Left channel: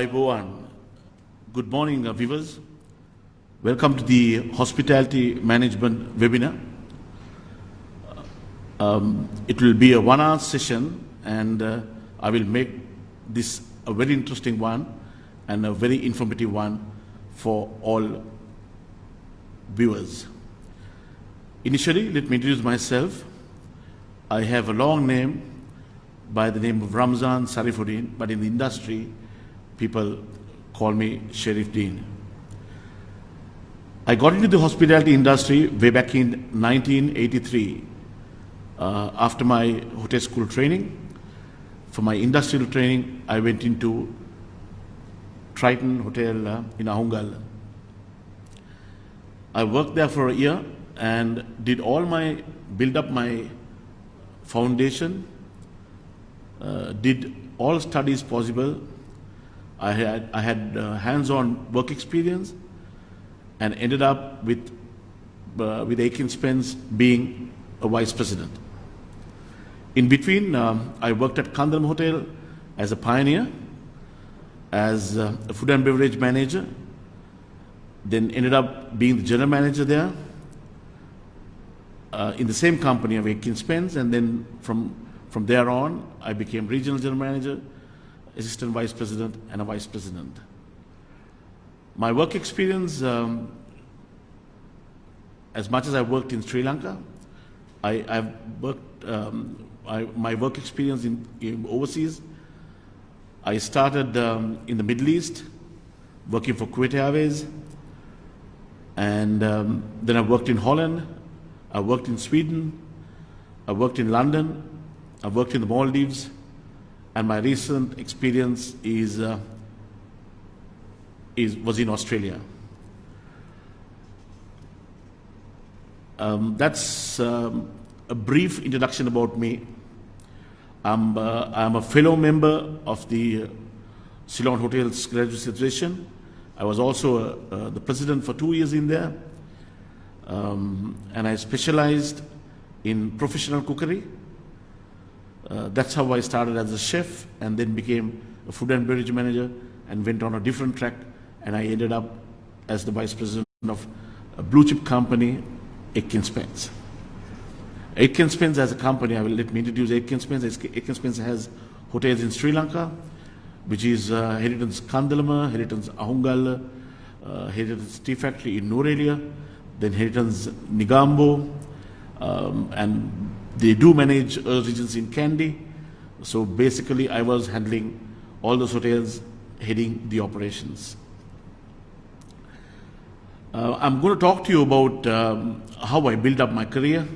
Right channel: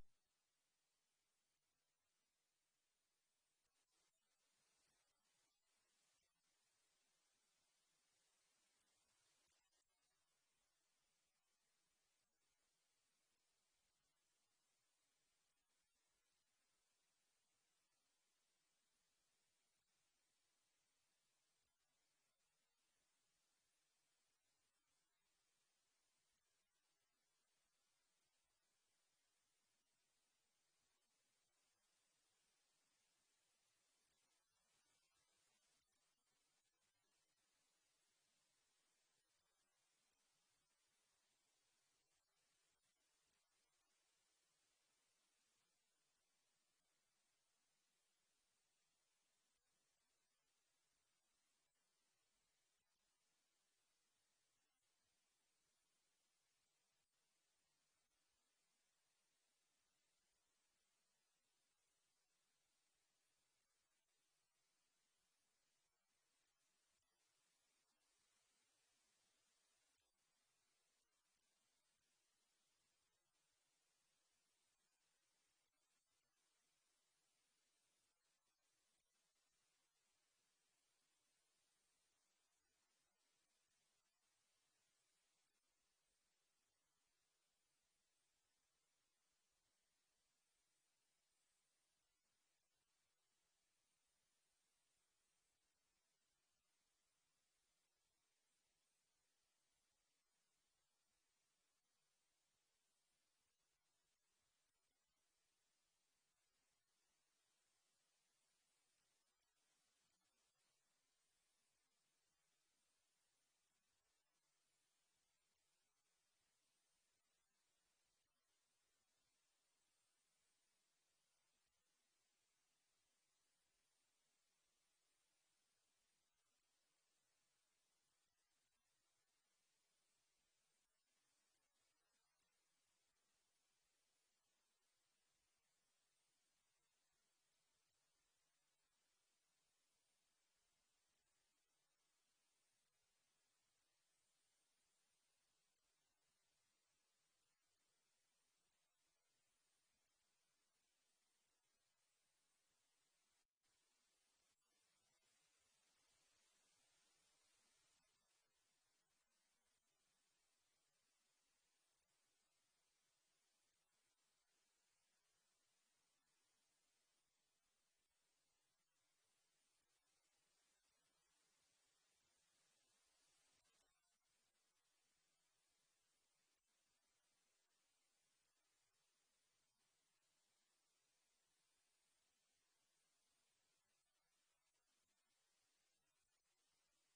Ivan. Good morning, viewers. Welcome to the Hospitality Management webinar. It will be a 1-hour session, and I will make this a very interesting one and a very informative one for all viewers. Initially, let me introduce myself. I have a long name by the name of Ramzan Sarifuddin, but in the industry, people call me Sharif Dean. I got into the hospitality industry way back in 1983 after my hotel school training. For my industrial training, I went into Triton Hotel in Ahungal. I worked there for a year and did build up my foundation, did all studies possible. I had hands-on work experience and ended up with Aiken Spence being a vice president. In between, I worked at Kandam Hotel as a pioneer, as a food and beverage manager, then ended up being the general manager there in the same company of Aiken Spence, and then from there on, I became regional general manager, assistant vice president, and a vice president. My work experience, as much as I worked in Sri Lanka, my work experience in overseas, I started in the Middle East, working for Kuwait Airways, and then I worked in Holland, I worked in Sweden, I worked in London, I worked in the Maldives, and my recent experience was in Australia. That's a brief introduction about me. I'm a fellow member of the Ceylon Hotels Graduate Association. I was also the president for 2 years in there, and I specialized in professional cookery. That's how I started as a chef and then became a food and beverage manager and went on a different track, and I ended up as the vice president of a blue chip company, Aiken Spence. Aiken Spence as a company, let me introduce Aiken Spence. Aiken Spence has hotels in Sri Lanka, which is Heritage Kandalama, Heritage Ahungal, Heritage Tea Factory in Norelia, then Heritage Nigambo, and they do manage regions in Kandy. So basically, I was handling all those hotels, heading the operations. I'm going to talk to you about how I built up my career,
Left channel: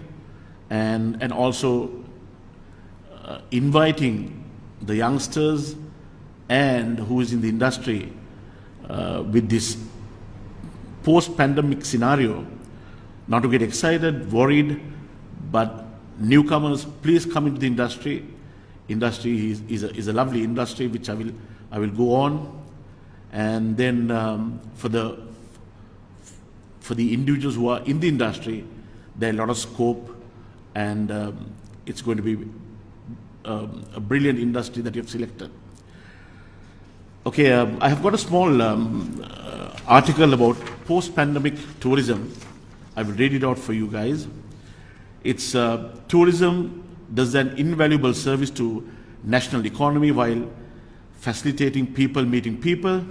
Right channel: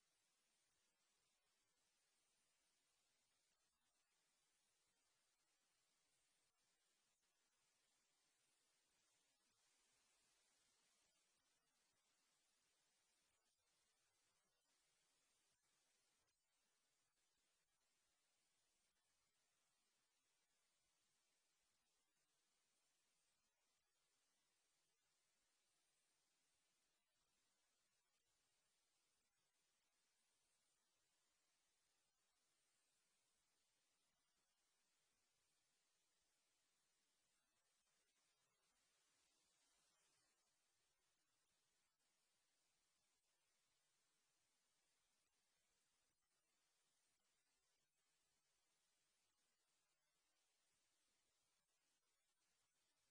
and also inviting the youngsters and who is in the industry with this post-pandemic scenario, not to get excited, worried, but newcomers, please come into the industry. Industry is a lovely industry which I will go on, and then for the individuals who are in the industry, there are a lot of scope, and it's going to be a brilliant industry that you've selected. Okay, I have got a small article about post-pandemic tourism. I will read it out for you guys. It's tourism does an invaluable service to national economy while facilitating people meeting people.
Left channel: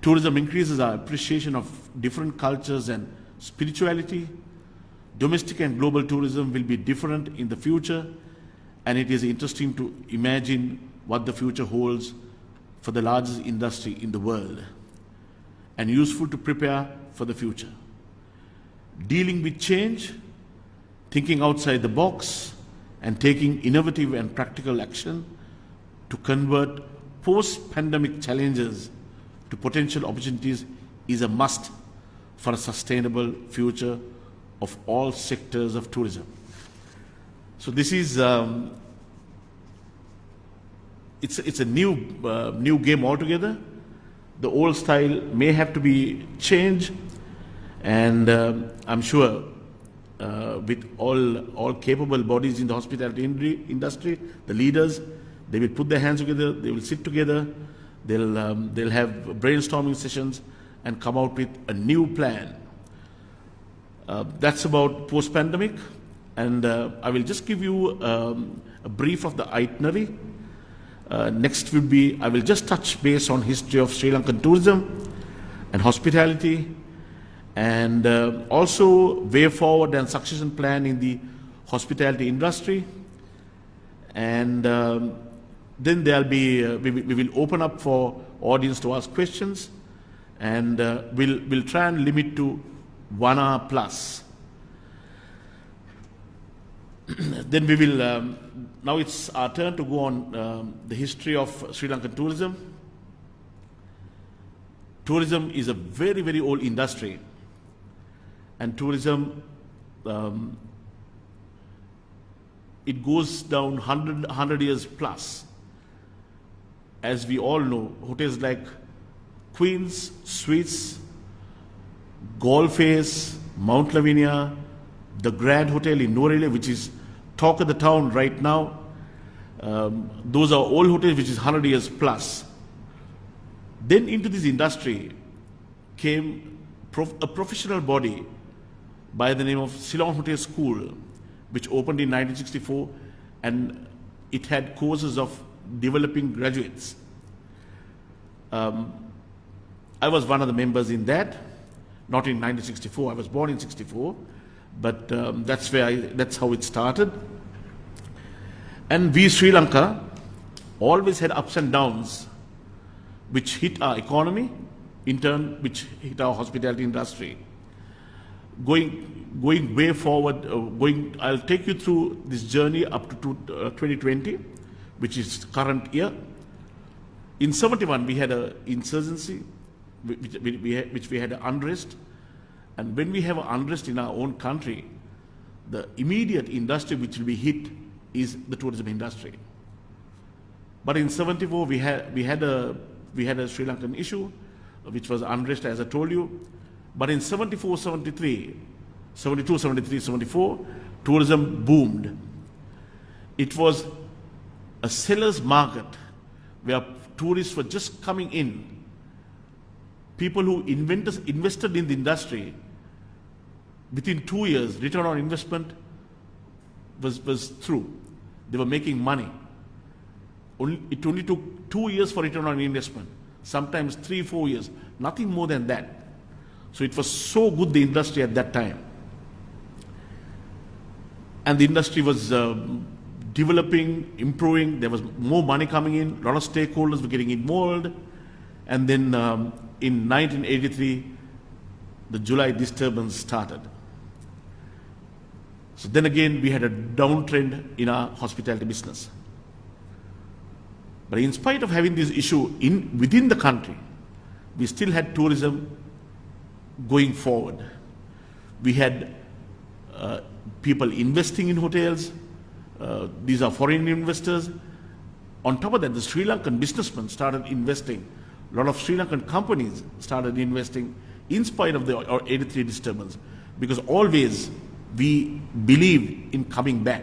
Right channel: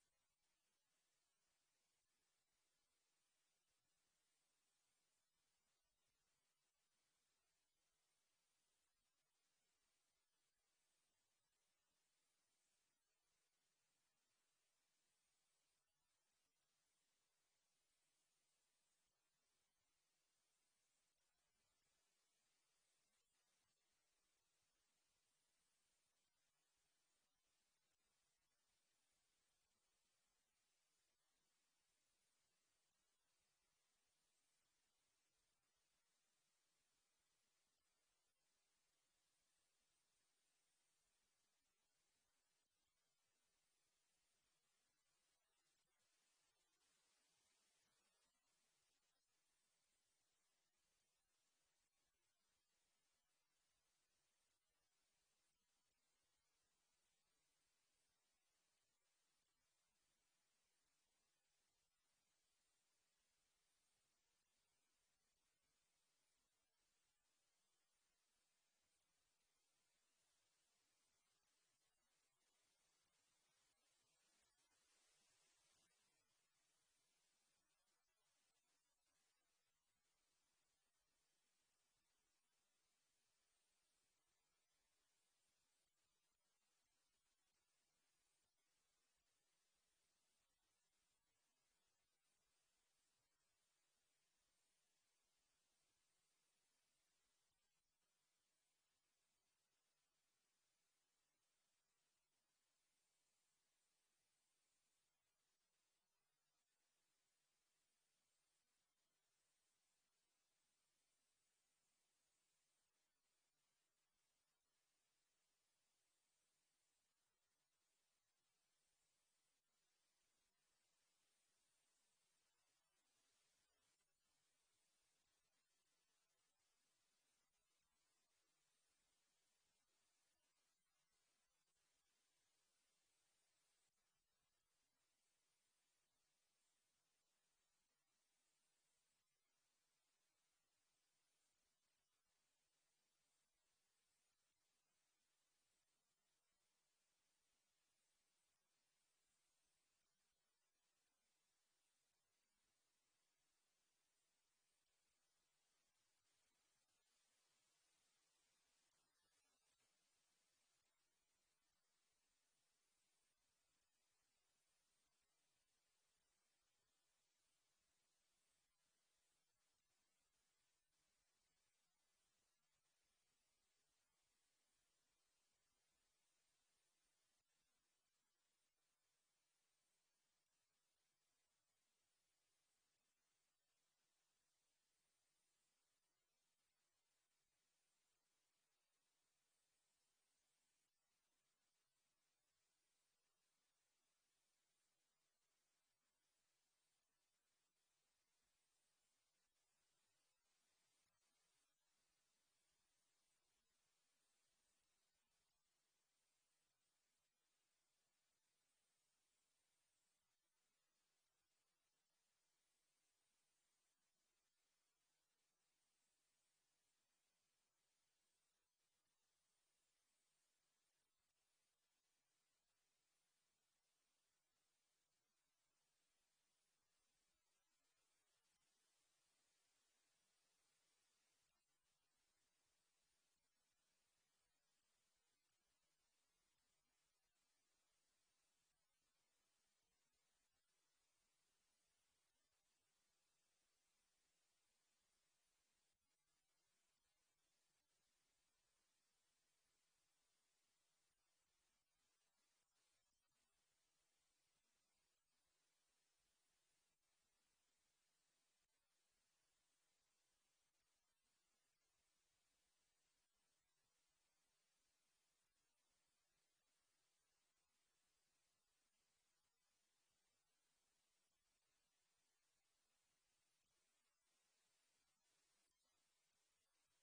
Tourism increases our appreciation of different cultures and spirituality. Domestic and global tourism will be different in the future, and it is interesting to imagine what the future holds for the largest industry in the world, and useful to prepare for the future. Dealing with change, thinking outside the box, and taking innovative and practical action to convert post-pandemic challenges to potential opportunities is a must for a sustainable future of all sectors of tourism. So this is it's a new game altogether. The old style may have to be changed, and I'm sure with all capable bodies in the hospitality industry, the leaders, they will put their hands together, they will sit together, They'll have brainstorming sessions and come out with a new plan. That's about post-pandemic, and I will just give you a brief of the itinerary. Next will be, I will just touch base on history of Sri Lankan tourism and hospitality, and also way forward and succession plan in the hospitality industry. And then there'll be, we will open up for audience to ask questions, and we'll try and limit to 1 hour plus. Then we will, now it's our turn to go on the history of Sri Lankan tourism. Tourism is a very, very old industry, and tourism, it goes down 100 years plus. As we all know, hotels like Queen's, Suites, Golf Face, Mount Lavinia, the Grand Hotel in Norelia, which is talk of the town right now, those are old hotels which is 100 years plus. Then into this industry came a professional body by the name of Ceylon Hotel School, which opened in 1964, and it had courses of developing graduates. I was one of the members in that, not in 1964, I was born in 64, but that's how it started. And we, Sri Lanka, always had ups and downs, which hit our economy, in turn, which hit our hospitality industry. Going way forward, I'll take you through this journey up to 2020, which is current year. In 71, we had an insurgency, which we had an unrest. And when we have an unrest in our own country, the immediate industry which will be hit is the tourism industry. But in 74, we had a Sri Lankan issue, which was unrest, as I told you. But in 74, 73, 72, 73, 74, tourism boomed. It was a seller's market where tourists were just coming in. People who invested in the industry, within 2 years, return on investment was through. They were making money. It only took 2 years for return on investment, sometimes 3-4 years, nothing more than that. So it was so good, the industry at that time. And the industry was developing, improving, there was more money coming in, a lot of stakeholders were getting involved. And then in 1983, the July disturbance started. So then again, we had a downtrend in our hospitality business. But in spite of having this issue within the country, we still had tourism going forward. We had people investing in hotels. These are foreign investors. On top of that, the Sri Lankan businessmen started investing. A lot of Sri Lankan companies started investing in spite of the 83 disturbance, because always we believed in coming back.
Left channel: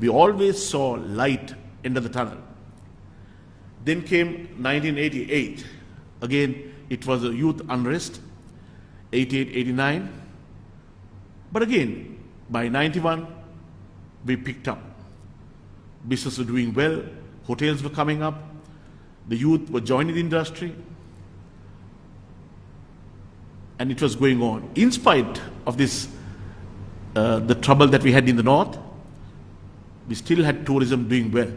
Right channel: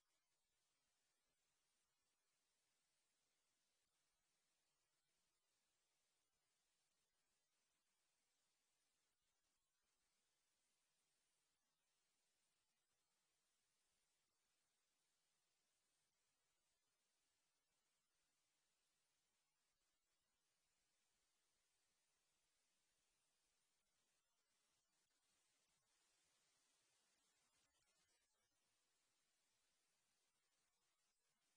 We always saw light end of the tunnel. Then came 1988. Again, it was a youth unrest, 88, 89. But again, by 91, we picked up. Business was doing well, hotels were coming up, the youth were joining the industry, and it was going on. In spite of this, the trouble that we had in the north, we still had tourism doing well.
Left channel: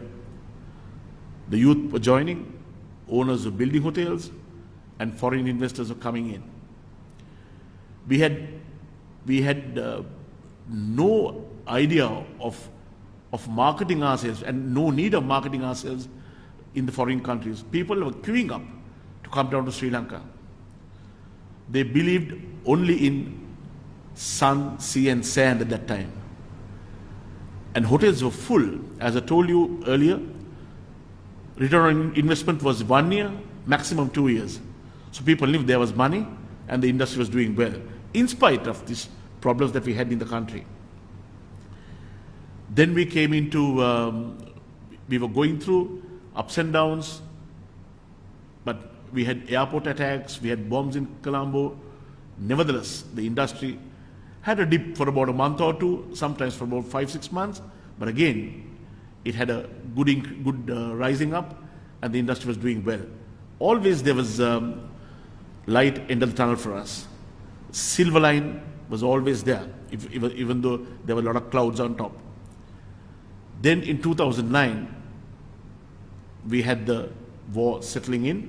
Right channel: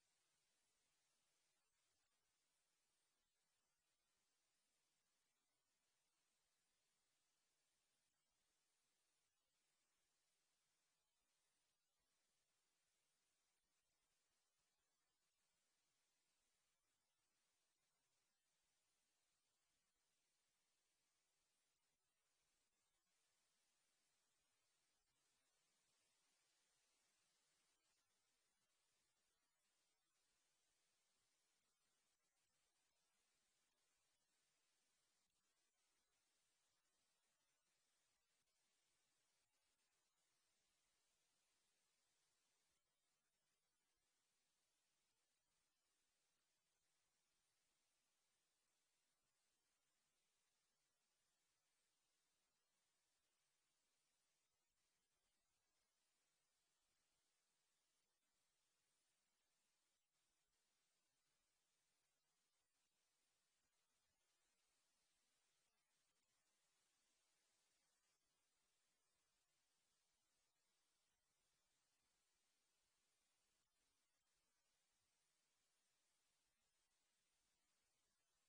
The youth were joining, owners were building hotels, and foreign investors were coming in. We had no idea of marketing ourselves, and no need of marketing ourselves in the foreign countries. People were queuing up to come down to Sri Lanka. They believed only in sun, sea, and sand at that time. And hotels were full. As I told you earlier, return on investment was 1 year, maximum 2 years. So people knew there was money and the industry was doing well, in spite of these problems that we had in the country. Then we came into, we were going through ups and downs. we had airport attacks, we had bombs in Colombo. Nevertheless, the industry had a dip for about a month or two, sometimes for about 5-6 months. But again, it had a good rising up, and the industry was doing well. Always there was light end of the tunnel for us. Silver line was always there, even though there were a lot of clouds on top. Then in 2009, we had the war settling in,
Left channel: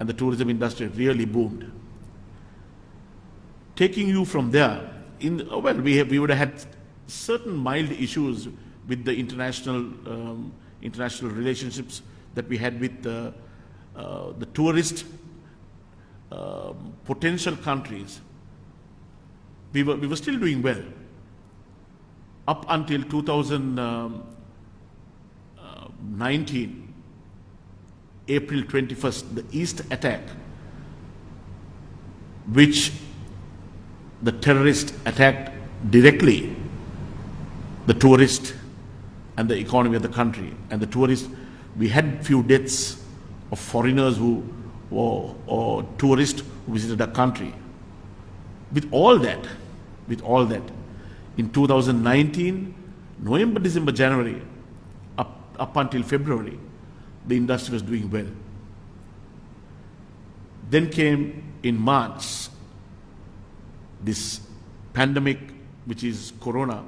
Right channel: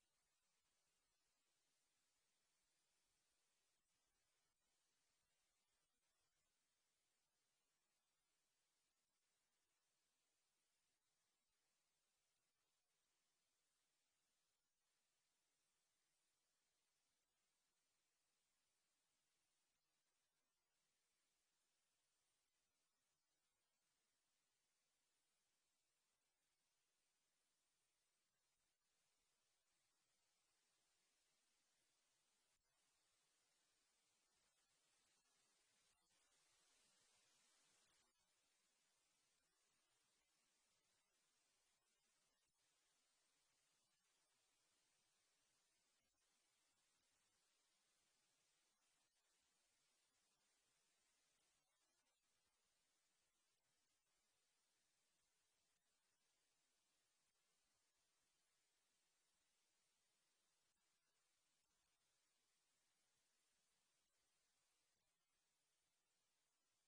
and the tourism industry really boomed. Taking you from there, we would have had certain mild issues with the international relationships that we had with the tourist potential countries. We were still doing well up until 2019, April 21st, the East attack, which the terrorist attacked directly the tourist and the economy of the country. And the tourists, we had few deaths of foreigners or tourists who visited our country. With all that, in 2019, November, December, January, up until February, the industry was doing well. Then came in March this pandemic, which is Corona,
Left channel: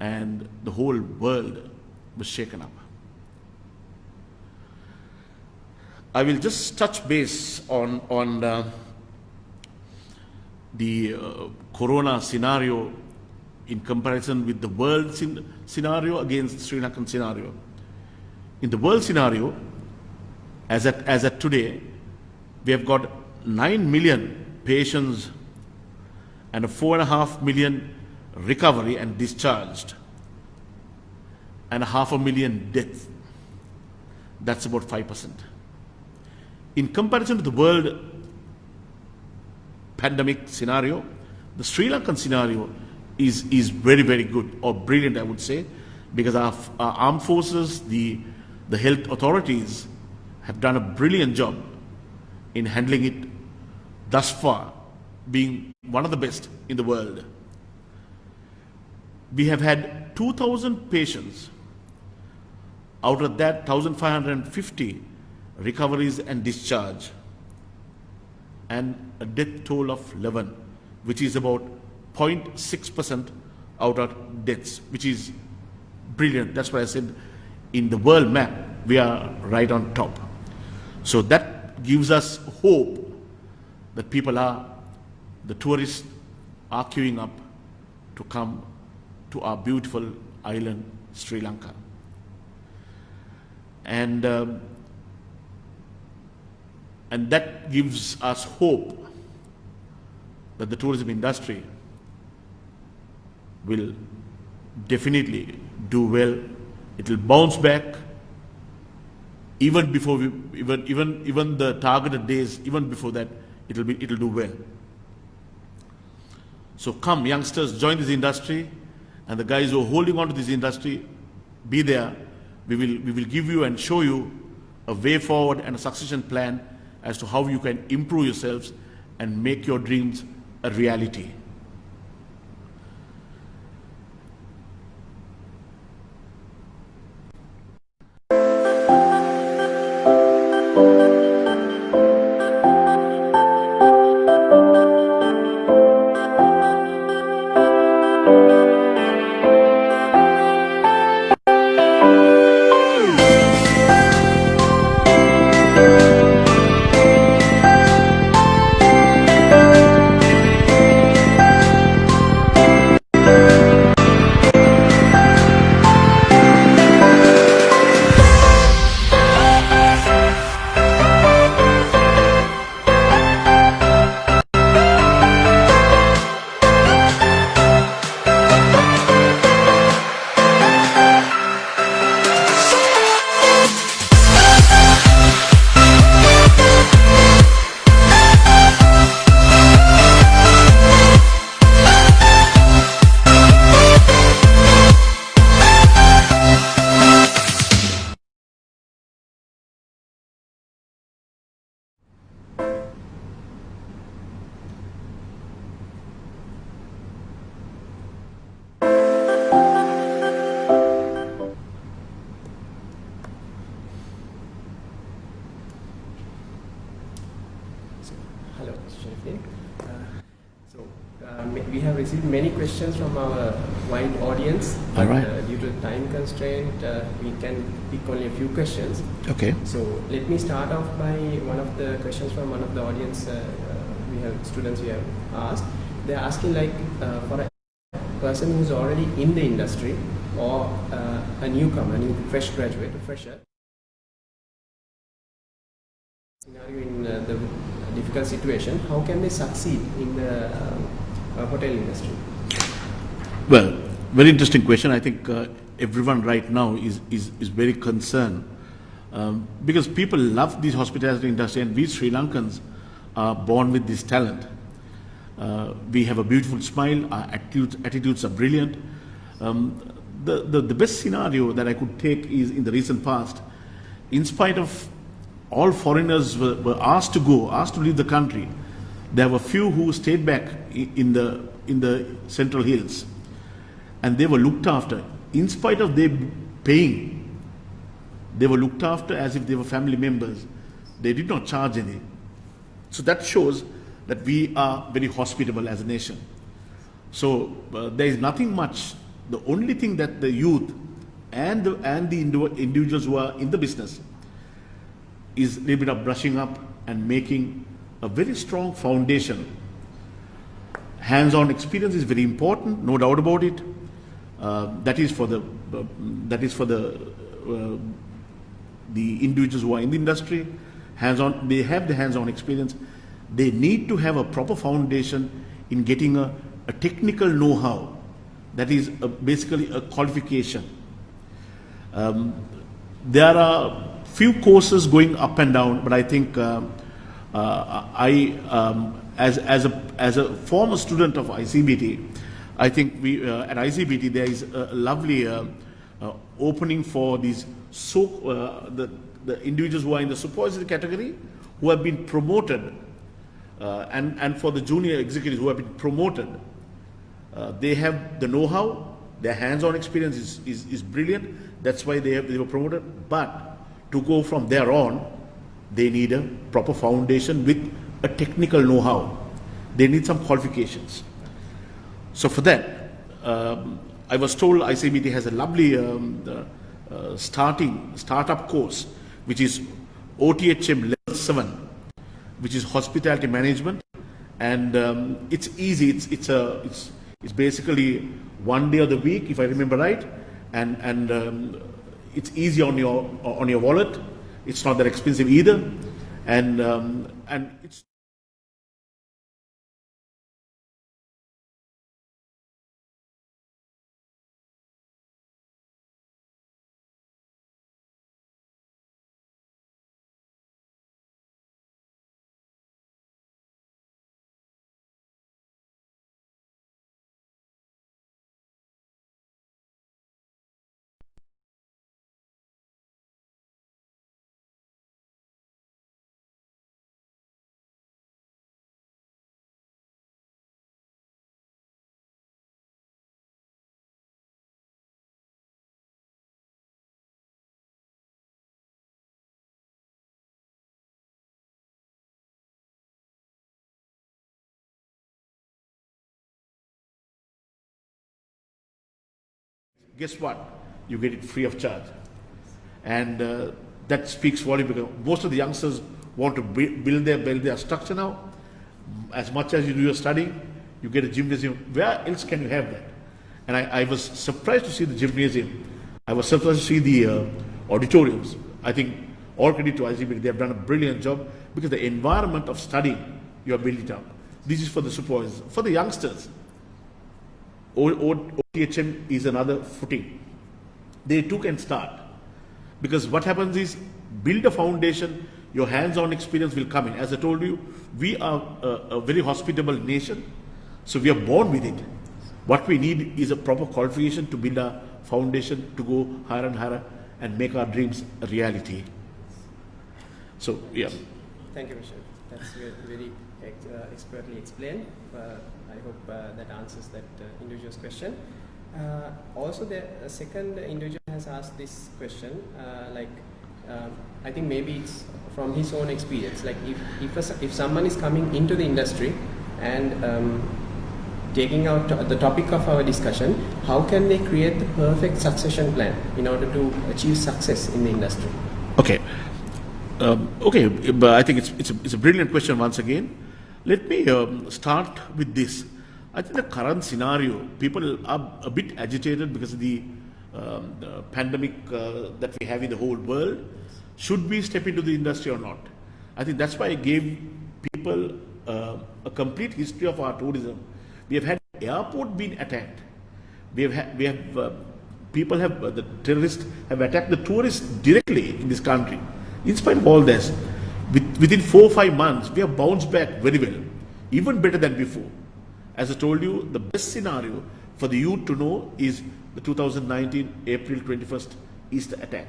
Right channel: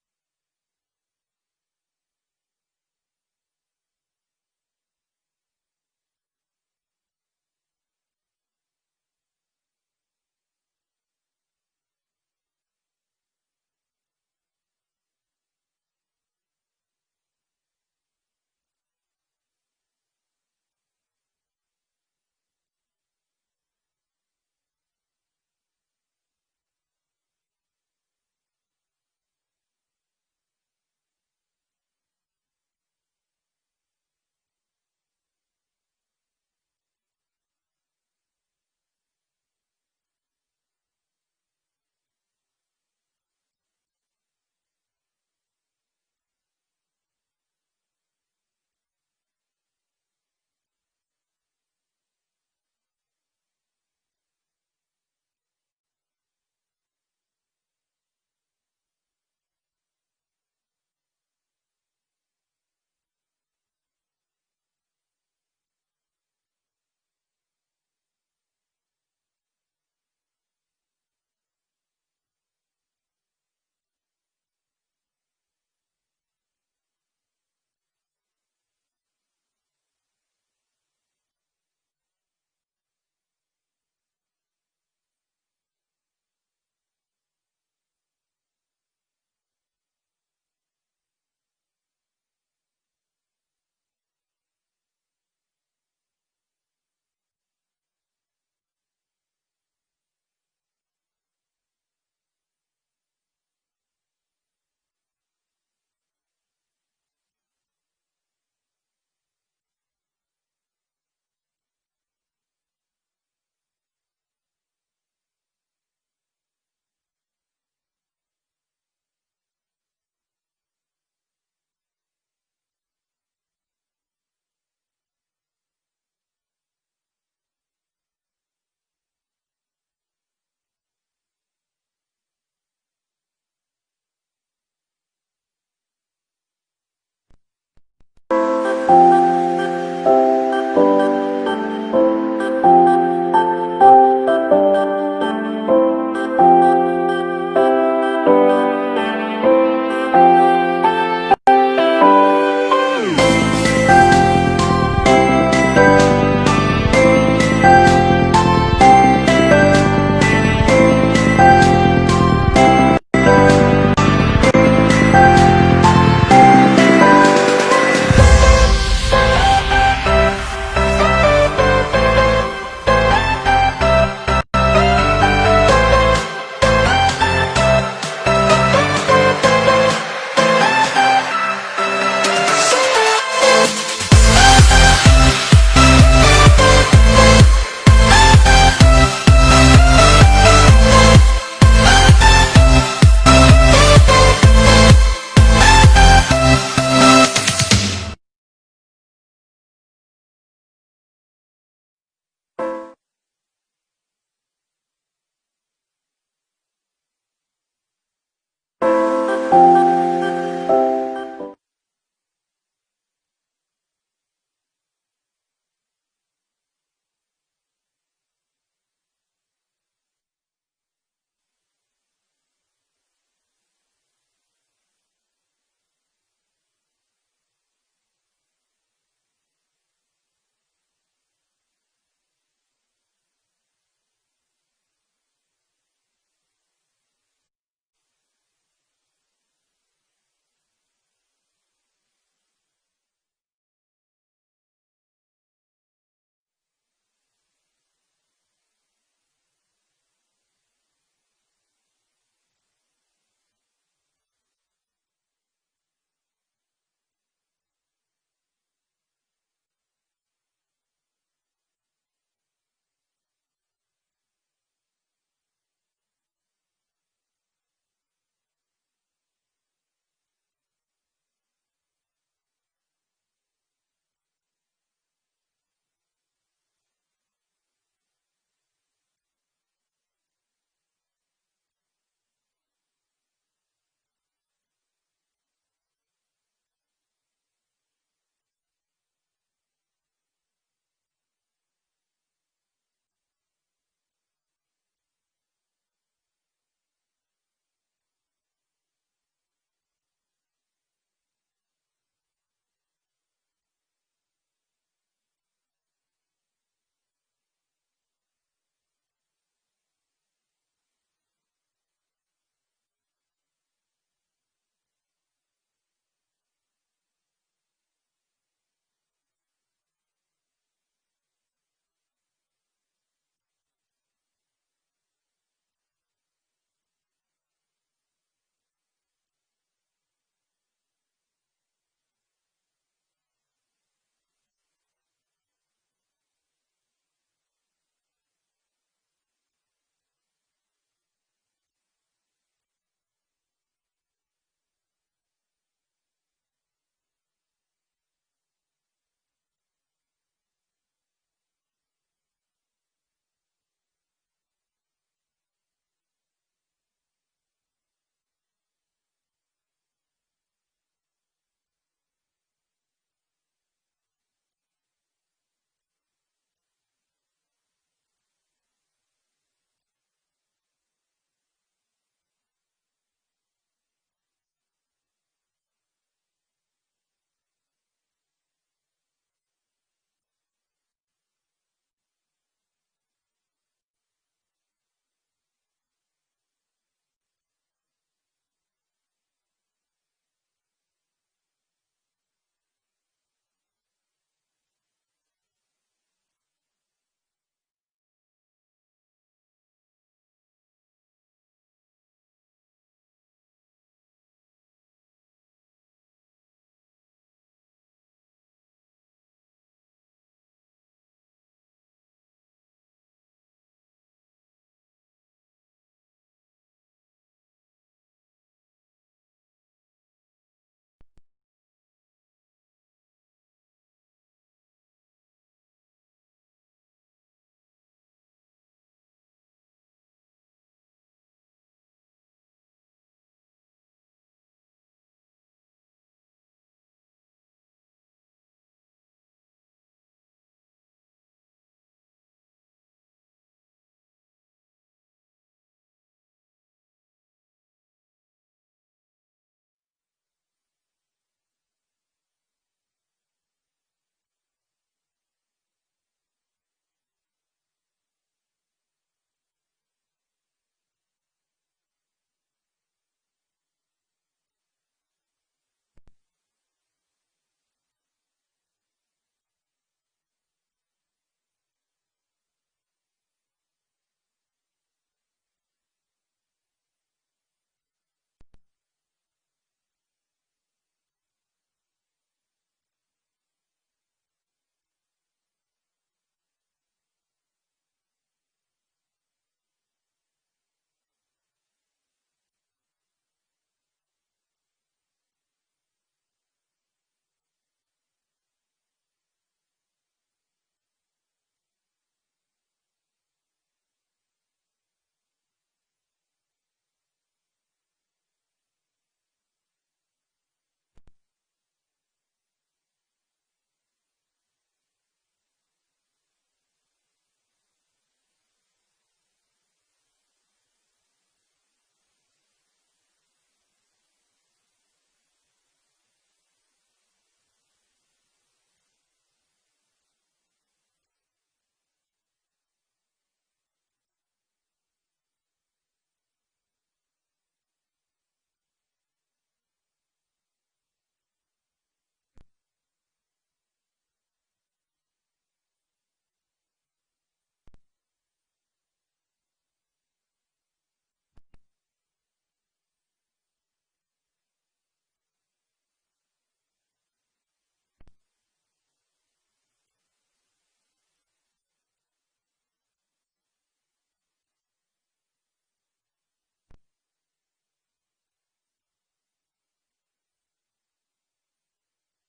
and the whole world was shaken up. I will just touch base on the Corona scenario in comparison with the world scenario against the Sri Lankan scenario. In the world scenario, as at today, we have got 9 million patients and a 4.5 million recovery and discharged, and 500,000 deaths. That's about 5%. In comparison to the world pandemic scenario, the Sri Lankan scenario is very, very good, or brilliant, I would say, because our armed forces, the health authorities have done a brilliant job in handling it thus far, being one of the best in the world. We have had 2,000 patients. Out of that, 1,550 recoveries and discharge, and a death toll of 11, which is about 0.6% out of deaths, which is brilliant. That's why I said in the world map, we are right on top. So that gives us hope that the tourists are queuing up to come to our beautiful island, Sri Lanka. And that gives us hope that the tourism industry will definitely do well. It will bounce back even before even the targeted days. Even before that, it'll do well. So come, youngsters, join this industry, and the guys who are holding on to this industry, be there. We will give you and show you a way forward and a succession plan as to how you can improve yourselves and make your dreams a reality. Mr. Sharifin. We have received many questions from our wide audience, but due to time constraint, we can pick only a few questions. Okay. So let me start off by one of the questions from one of the audience. We have students we have asked. They are asking like for a person who's already in the industry or a newcomer, a fresh graduate, a fresher. Scenario in the difficult situation, how can they succeed in the hotel industry? Well, very interesting question. I think everyone right now is very concerned because people love this hospitality industry, and we Sri Lankans are born with this talent. We have a beautiful smile, our attitudes are brilliant. The best scenario that I could take is in the recent past, in spite of all foreigners were asked to leave the country, there were few who stayed back in the Central Hills, and they were looked after. In spite of them paying, they were looked after as if they were family members. They did not charge any. So that shows that we are very hospitable as a nation. So there is nothing much. The only thing that the youth and the individuals who are in the business is a little bit of brushing up and making a very strong foundation. Hands-on experience is very important, no doubt about it. That is for the individuals who are in the industry. Hands-on, they have the hands-on experience. They need to have a proper foundation in getting a technical know-how. That is basically a qualification. There are few courses going up and down, but I think as a former student of ICBT, I think we at ICBT there is a lovely opening for these the individuals who are in the supervisory category who have been promoted, and for the junior executives who have been promoted. They have the know-how, their hands-on experience is brilliant. That's why they were promoted. But to go from there on, they need a proper foundation with a technical know-how. They need some qualifications. So for that, I was told ICBT has a lovely startup course, which is OTHM Level 7, which is hospitality management, and it's easy. It's basically 1 day of the week, if I remember right, and it's easy on your wallet. It's not that expensive either, and it's. Guess what? You get it free of charge. And that speaks volume because most of the youngsters want to build their structure now. As much as you do your studying, you get a gymnasium. Where else can you have that? And I was surprised to see the gymnasium. I was surprised to see the auditoriums. I think all credit to ICBT. They have done a brilliant job because the environment of studying, you are building it up. This is for the supervisors. For the youngsters, OTHM is another footing. They too can start. Because what happens is, build a foundation, your hands-on experience will come in. As I told you, we are a very hospitable nation, so we are born with it. What we need is a proper qualification to build a foundation to go higher and higher and make our dreams a reality. So, yeah. Thank you, Mr. That's very expertly explained. I hope that answers that individual's question. Also, the second individual has asked this question, I think maybe it's from his own experience, like if someone is coming into the industry and taking out the topic of our discussion, how can they create the perfect succession plan in order to achieve success in the industry? Okay. Okay, but I think it's a brilliant question once again. Let me start with this. I think the current scenario, people are a bit agitated because of the pandemic that we have in the whole world. Should we step into the industry or not? I think that's why I gave people a complete history of our tourism. We have had airport being attacked. The terrorists have attacked the tourists directly in this country. In spite of all this, within 4 or 5 months, we have bounced back very well, even better than before. As I told you, the best scenario for the youth to know is the 2019 April 21st Easter attack.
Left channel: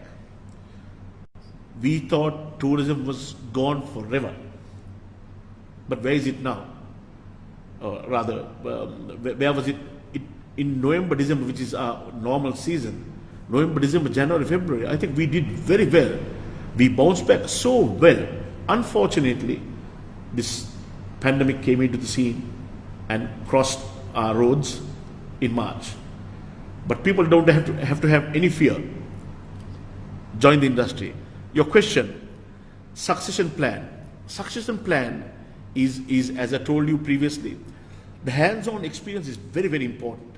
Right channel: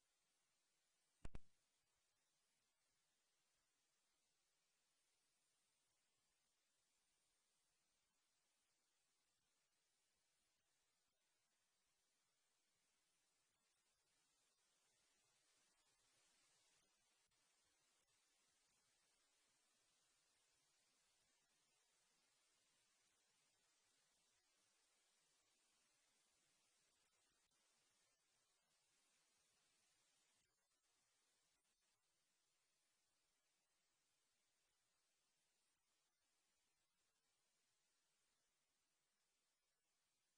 We thought tourism was gone forever. But where is it now? Where was it? In November, December, which is our normal season, November, December, January, February, I think we did very well. We bounced back so well. Unfortunately, this pandemic came into the scene and crossed our roads in March. But people don't have to have any fear. Join the industry. Your question, succession plan. Succession plan is, as I told you previously, the hands-on experience is very, very important.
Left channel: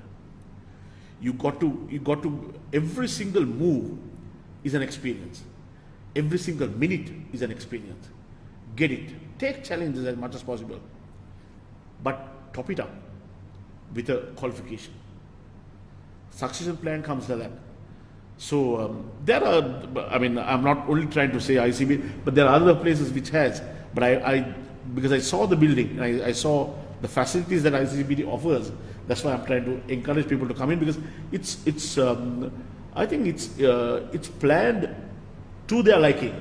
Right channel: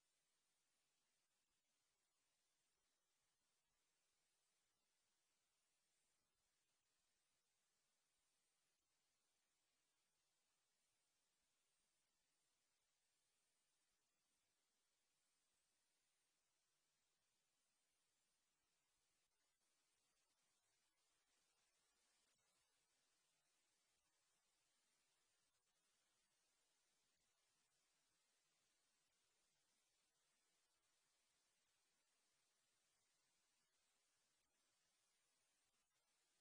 You got to, every single move is an experience. Every single minute is an experience. Get it. Take challenges as much as possible. But top it up with a qualification. Succession plan comes to that. So there are, I mean, I'm not only trying to say ICB, but there are other places which has. But because I saw the building, I saw the facilities that ICBT offers, that's why I'm trying to encourage people to come in, because I think it's planned to their liking.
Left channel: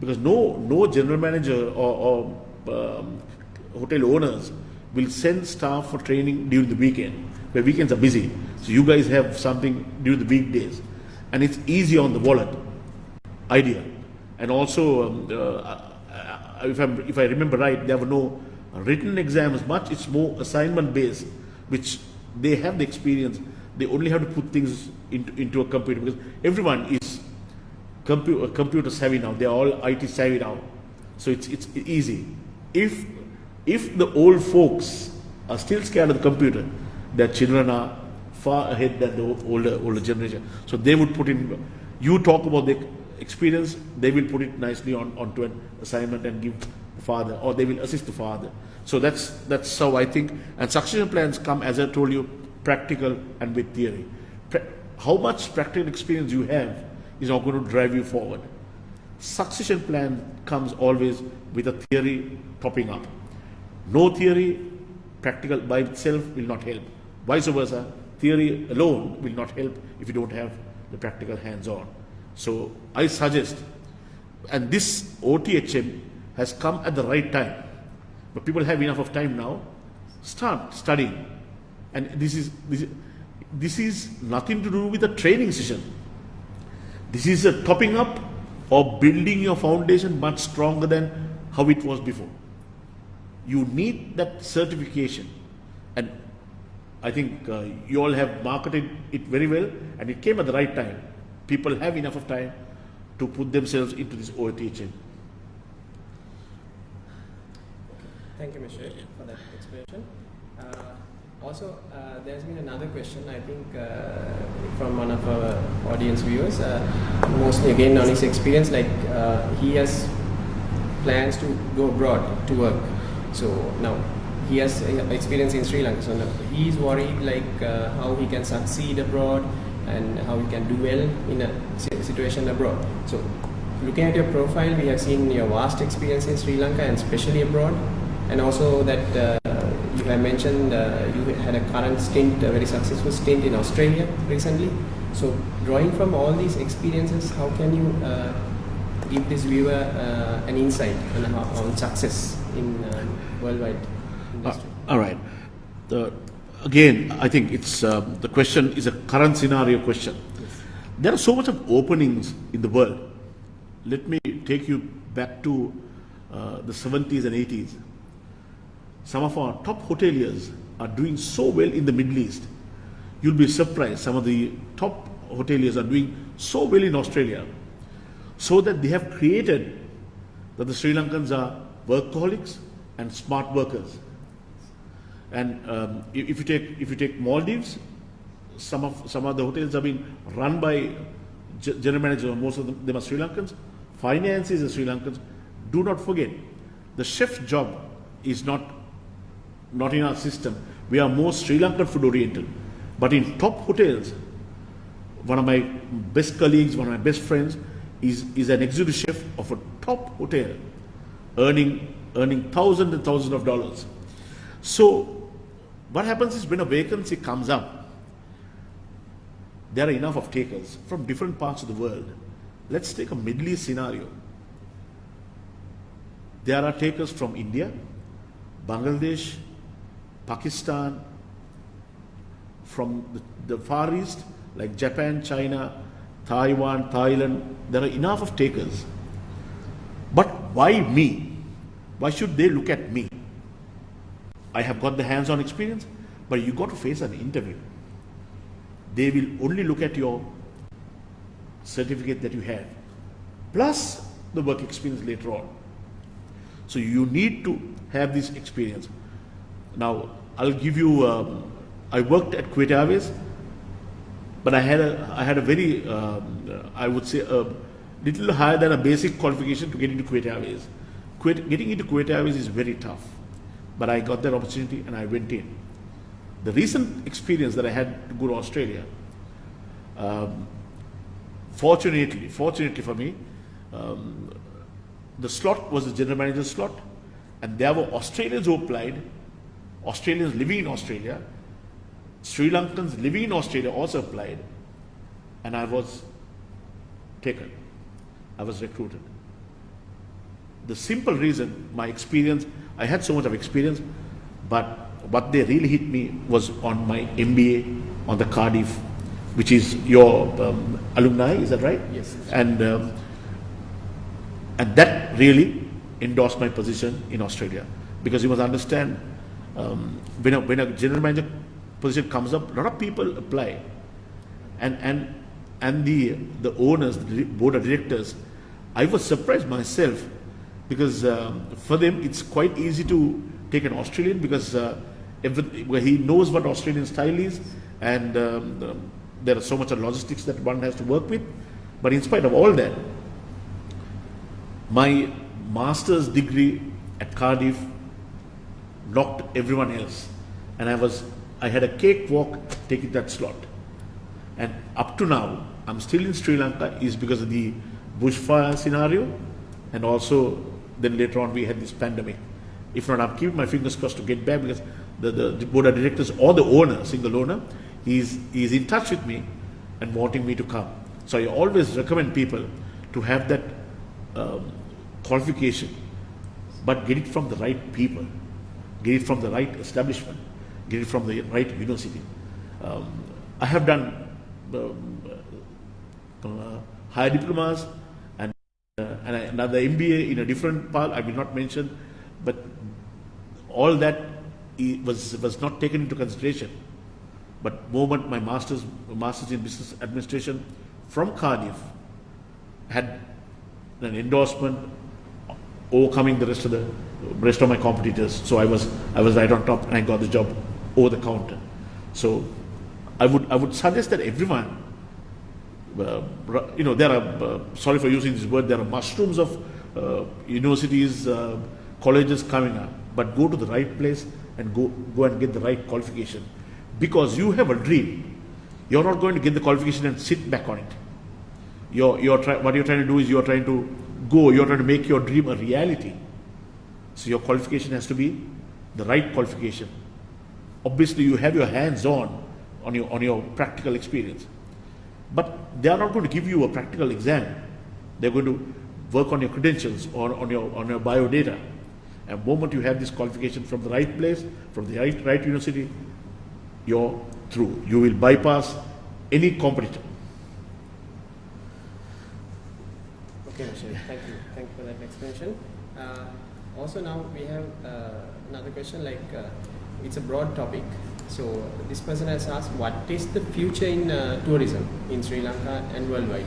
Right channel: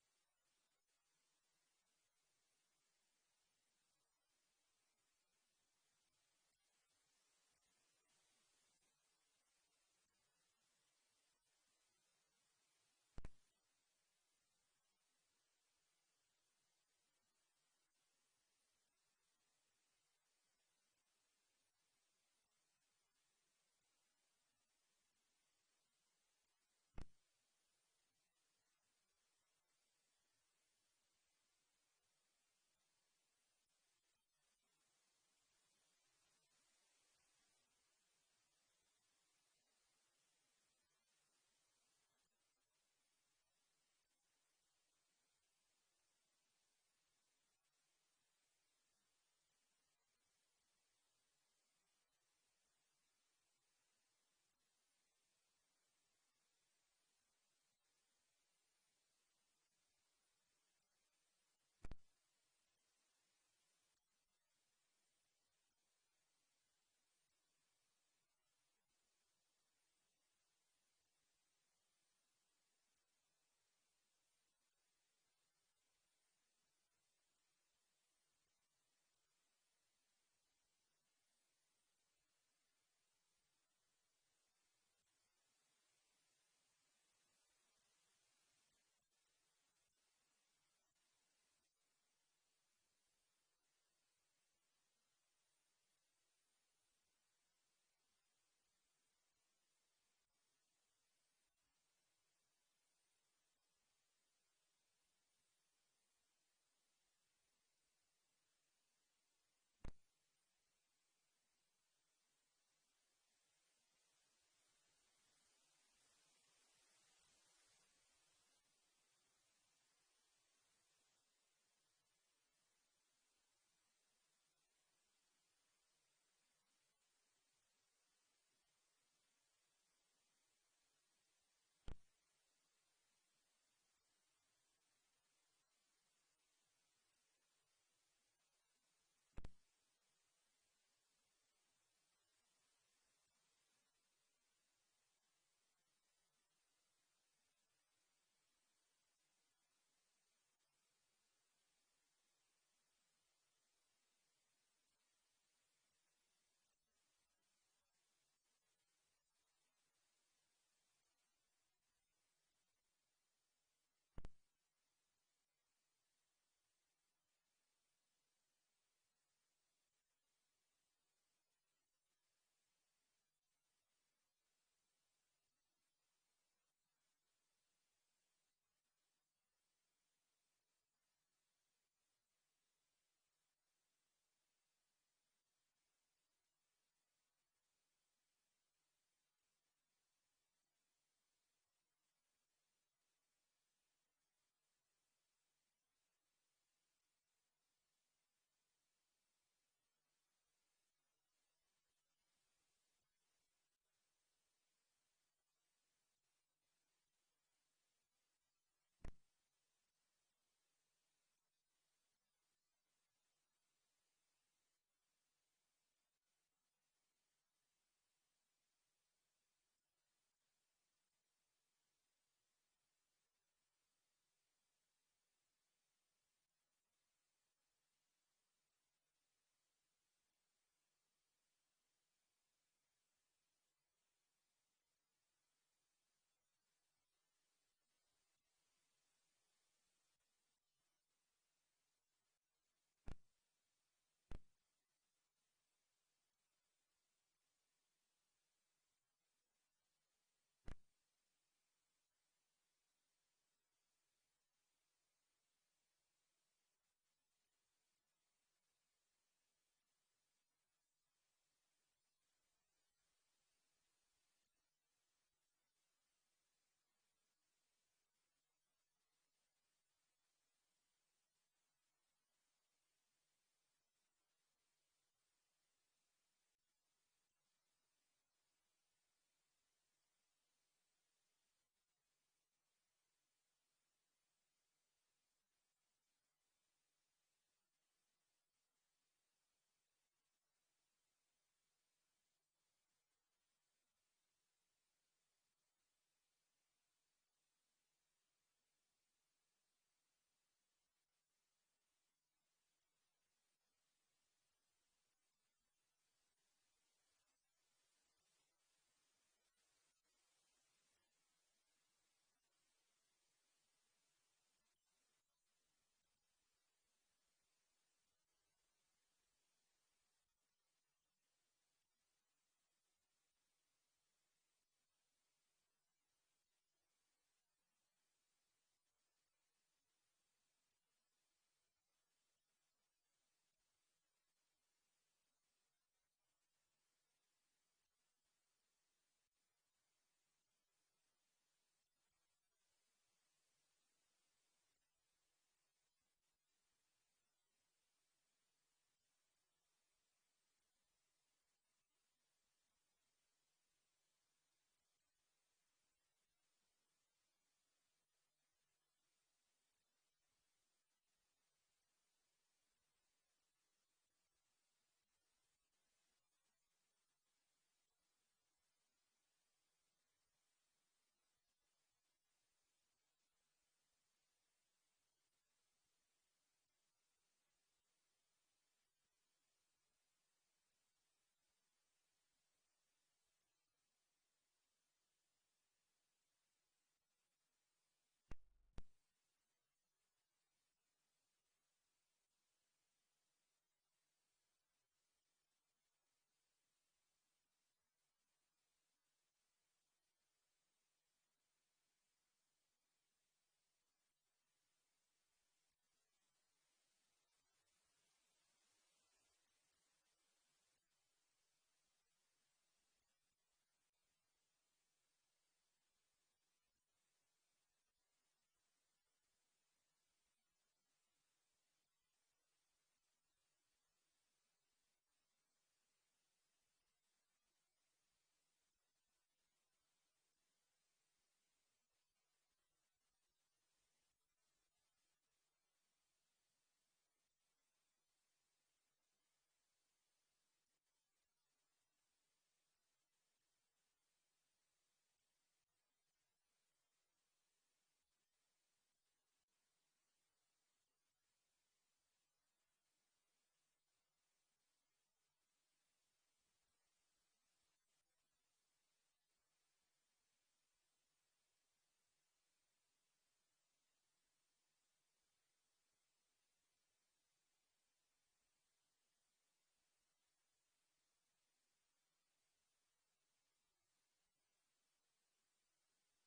Because no general manager or hotel owners will send staff for training during the weekend, where weekends are busy. So you guys have something during the weekdays, and it's easy on the wallet, ideal. And also, if I remember right, there were no written exams much. It's more assignment based, which they have the experience. They only have to put things into a computer, because everyone is computer savvy now. They are all IT savvy now, so it's easy. If the old folks are still scared of the computer, their children are far ahead than the older generation. So they would put in. You talk about the experience, they will put it nicely onto an assignment and give the father, or they will assist the father. So that's how I think. And succession plans come, as I told you, practical and with theory. How much practical experience you have is not going to drive you forward. Succession plan comes always with a theory topping up. No theory, practical by itself will not help. Vice versa, theory alone will not help if you don't have the practical hands-on. So I suggest, and this OTHM has come at the right time, but people have enough of time now. Start studying, and this is nothing to do with a training session. This is a topping up or building your foundation much stronger than how it was before. You need that certification, and I think you all have marketed it very well, and it came at the right time. People have enough of time to put themselves into this OTHM. Thank you, Mr. for that explanation. Also, there's been another question, I think, from one of our audience viewers, mostly again on his experience, like he has plans to go abroad to work. So now he has experience in Sri Lanka, so now he's worried like how he can succeed abroad and how he can do well in a situation abroad. So looking at your profile, we have seen your vast experience in Sri Lanka and especially abroad, and also that you have mentioned you had a current stint, a very successful stint in Australia recently. So drawing from all these experiences, how can you give this viewer an insight on success in worldwide industry? All right. Again, I think it's the question is a current scenario question. Yes. There are so much of openings in the world. Let me take you back to the 70s and 80s. Some of our top hoteliers are doing so well in the Middle East. You'll be surprised. Some of the top hoteliers are doing so well in Australia, so that they have created that the Sri Lankans are workaholics and smart workers. And if you take Maldives, some of the hotels have been run by general managers. Most of them are Sri Lankans. Finances are Sri Lankans. Do not forget, the chef's job is not in our system. We are more Sri Lankan food oriented. But in top hotels, one of my best colleagues, one of my best friends, is an executive chef of a top hotel, earning thousands and thousands of dollars. So what happens is, when a vacancy comes up, there are enough of takers from different parts of the world. Let's take a Middle East scenario. There are takers from India, Bangladesh, Pakistan, from the Far East, like Japan, China, Taiwan, Thailand. There are enough of takers. But why me? Why should they look at me? I have got the hands-on experience, but you got to face an interview. They will only look at your certificate that you have, plus the work experience later on. So you need to have this experience. Now, I'll give you, I worked at Kuwait Airways, but I had a very, I would say, a little higher than a basic qualification to get into Kuwait Airways. Getting into Kuwait Airways is very tough, but I got that opportunity and I went in. The recent experience that I had to go to Australia, fortunately for me, the slot was the general manager's slot, and there were Australians who applied, Australians living in Australia, Sri Lankans living in Australia also applied, and I was taken. I was recruited. The simple reason, my experience, I had so much of experience, but what they really hit me was on my MBA on the Cardiff, which is your alumni, is that right? Yes. And that really endorsed my position in Australia, because you must understand, when a general manager position comes up, a lot of people apply, and the owners, the board of directors, I was surprised myself, because for them it's quite easy to take an Australian, because he knows what Australian style is, and there are so much of logistics that one has to work with. But in spite of all that, my master's degree at Cardiff knocked everyone else, and I had a cakewalk taking that slot. And up to now, I'm still in Sri Lanka, is because of the bushfire scenario, and also then later on we had this pandemic. If not, I'm keeping my fingers crossed to get back, because the board of directors or the owner, single owner, is in touch with me and wanting me to come. So I always recommend people to have that qualification, but get it from the right people, get it from the right establishment, get it from the right university. I have done higher diplomas and another MBA in a different part, I will not mention, but all that was not taken into consideration. But moment my master's in business administration from Cardiff had an endorsement overcoming the rest of my competitors. So I was right on top, and I got the job over the counter. So I would suggest that everyone, there are, sorry for using this word, there are mushrooms of universities, colleges coming up, but go to the right place and go and get the right qualification, because you have a dream. You're not going to get the qualification and sit back on it. What you're trying to do is you're trying to make your dream a reality. So your qualification has to be the right qualification. Obviously, you have your hands on your practical experience, but they are not going to give you a practical exam. They're going to work on your credentials or on your bio data. And the moment you have this qualification from the right place, from the right university, you're through. You will bypass any competitor. Okay, Michelle. Thank you. Thank you for that explanation. Also, now we have another question. It's a broad topic. So this person has asked, what is the future in tourism in Sri Lanka and worldwide?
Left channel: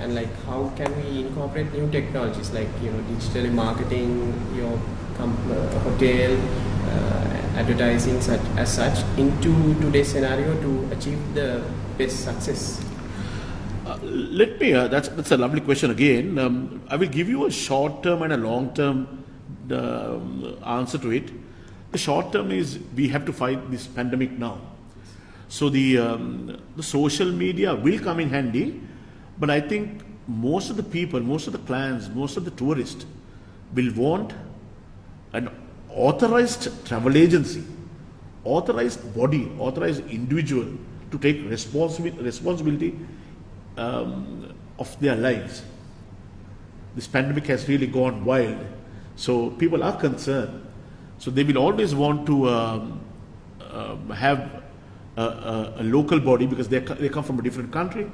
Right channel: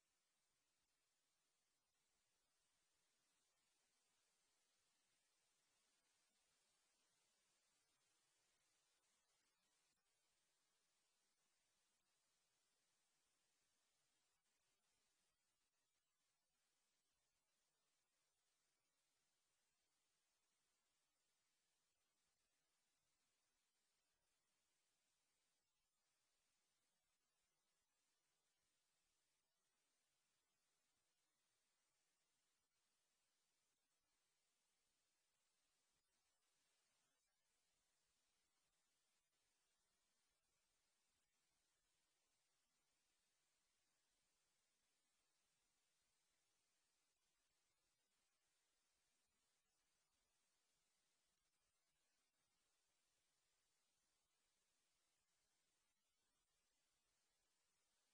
And how can we incorporate new technologies like digital marketing, your hotel, advertising as such into today's scenario to achieve the best success? Let me, that's a lovely question again. I will give you a short term and a long term answer to it. The short term is we have to fight this pandemic now. So the social media will come in handy, but I think most of the people, most of the clients, most of the tourists will want an authorized travel agency, authorized body, authorized individual to take responsibility of their lives. This pandemic has really gone wild, so people are concerned. So they will always want to have a local body because they come from a different country.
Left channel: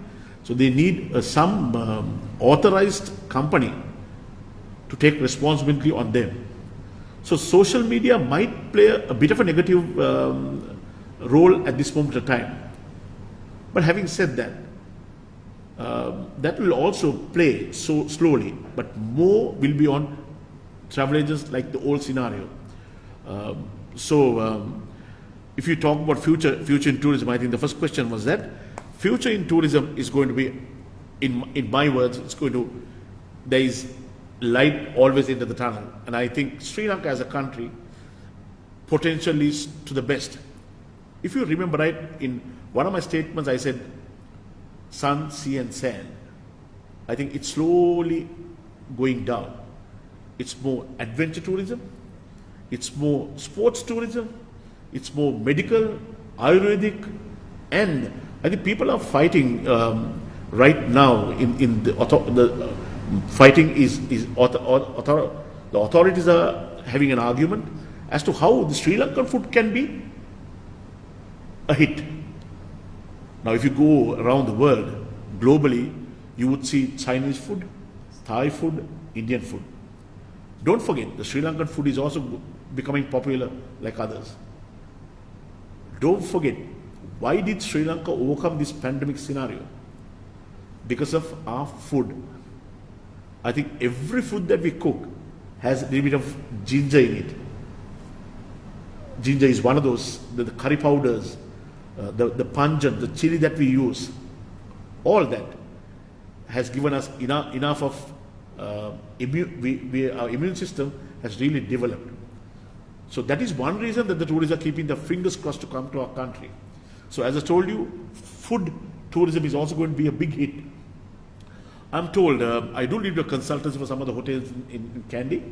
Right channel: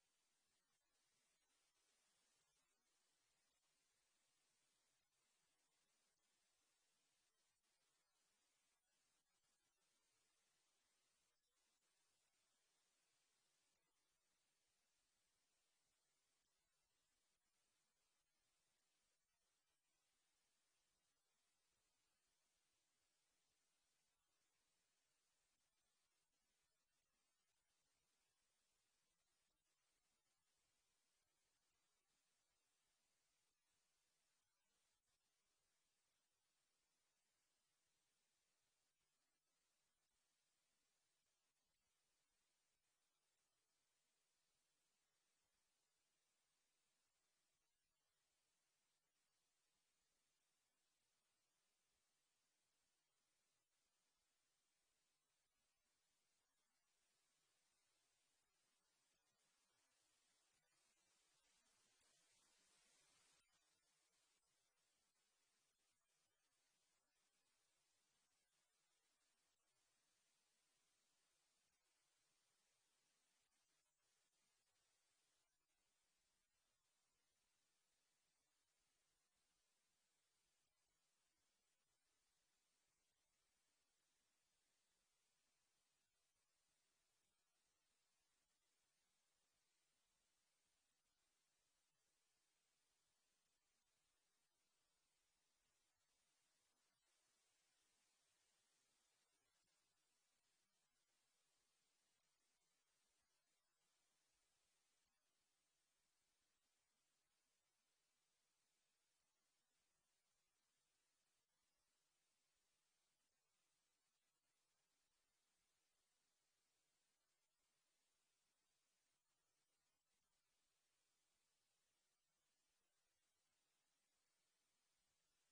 So they need some authorized company to take responsibility on them. So social media might play a bit of a negative role at this moment of time. But having said that, that will also play so slowly, but more will be on travel agents like the old scenario. If you talk about future in tourism, I think the first question was that future in tourism is going to be, in my words, there is light always into the tunnel. And I think Sri Lanka as a country potential is to the best. If you remember right, in one of my statements I said, sun, sea and sand. I think it's slowly going down. It's more adventure tourism, it's more sports tourism, it's more medical, Ayurvedic, and I think people are fighting right now in the fighting is the authorities are having an argument as to how the Sri Lankan food can be a hit. Now, if you go around the world, globally, you would see Chinese food, Thai food, Indian food. Don't forget, the Sri Lankan food is also becoming popular like others. Don't forget, why did Sri Lanka overcome this pandemic scenario? Because of our food. I think every food that we cook has a little bit of ginger in it. Ginger is one of those, the curry powders, the pungent, the chili that we use, all that has given us enough of our immune system has really developed. So that is one reason that the tourists are keeping their fingers crossed to come to our country. So as I told you, food tourism is also going to be a big hit. I'm told, I do need a consultancy for some of the hotels in Kandy,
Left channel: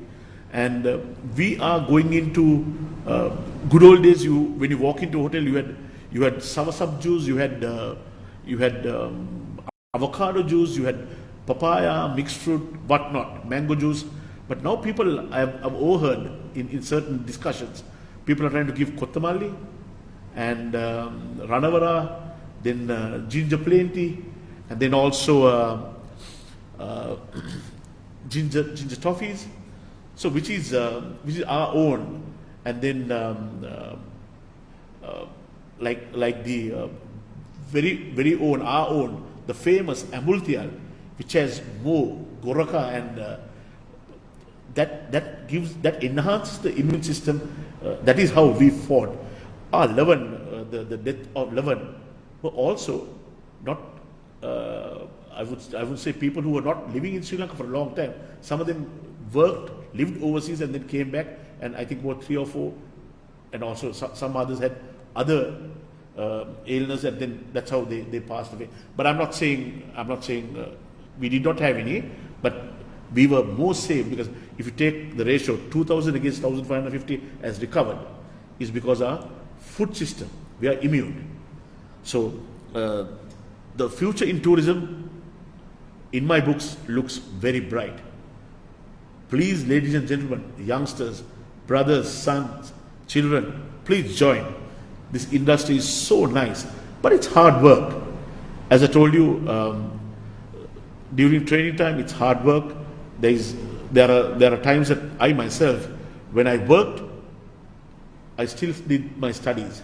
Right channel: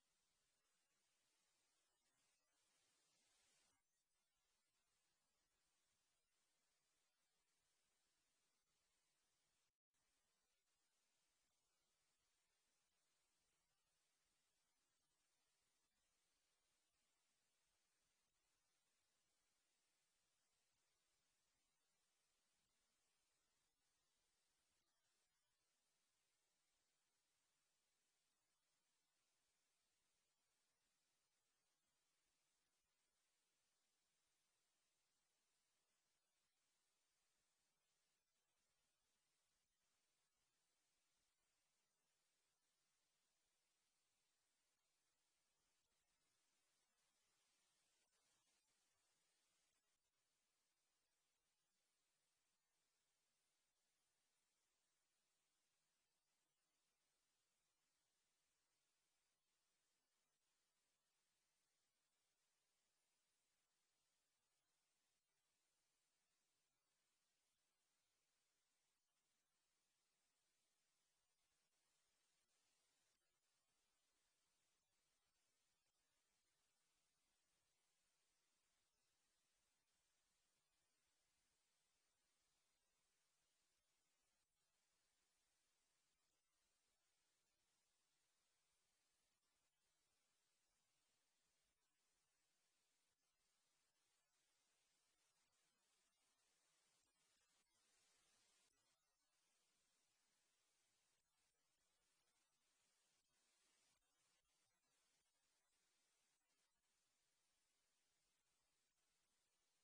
and we are going into good old days. When you walk into a hotel, you had soursop juice, you had avocado juice, you had papaya, mixed fruit, whatnot, mango juice. But now people, I've overheard in certain discussions, people are trying to give kottamalli and ranavara, then ginger plenty, and then also ginger toffees. So which is our own, and then like the very own, our own, the famous amultial, which has more goraka, and that enhances the immune system. That is how we fought. Our Lavan, the death of Lavan, were also not. I would say people who were not living in Sri Lanka for a long time. Some of them worked, lived overseas, and then came back. And I think about 3 or 4, and also some others had other illness, and then that's how they passed away. But I'm not saying we did not have any, but we were more safe, because if you take the ratio 2,000 against 1,550 as recovered, is because our food system, we are immune. So the future in tourism, in my books, looks very bright. Please, ladies and gentlemen, youngsters, brothers, sons, children, please join. This industry is so nice, but it's hard work. As I told you, during training time, it's hard work. there are times that I myself, when I worked, I still did my studies,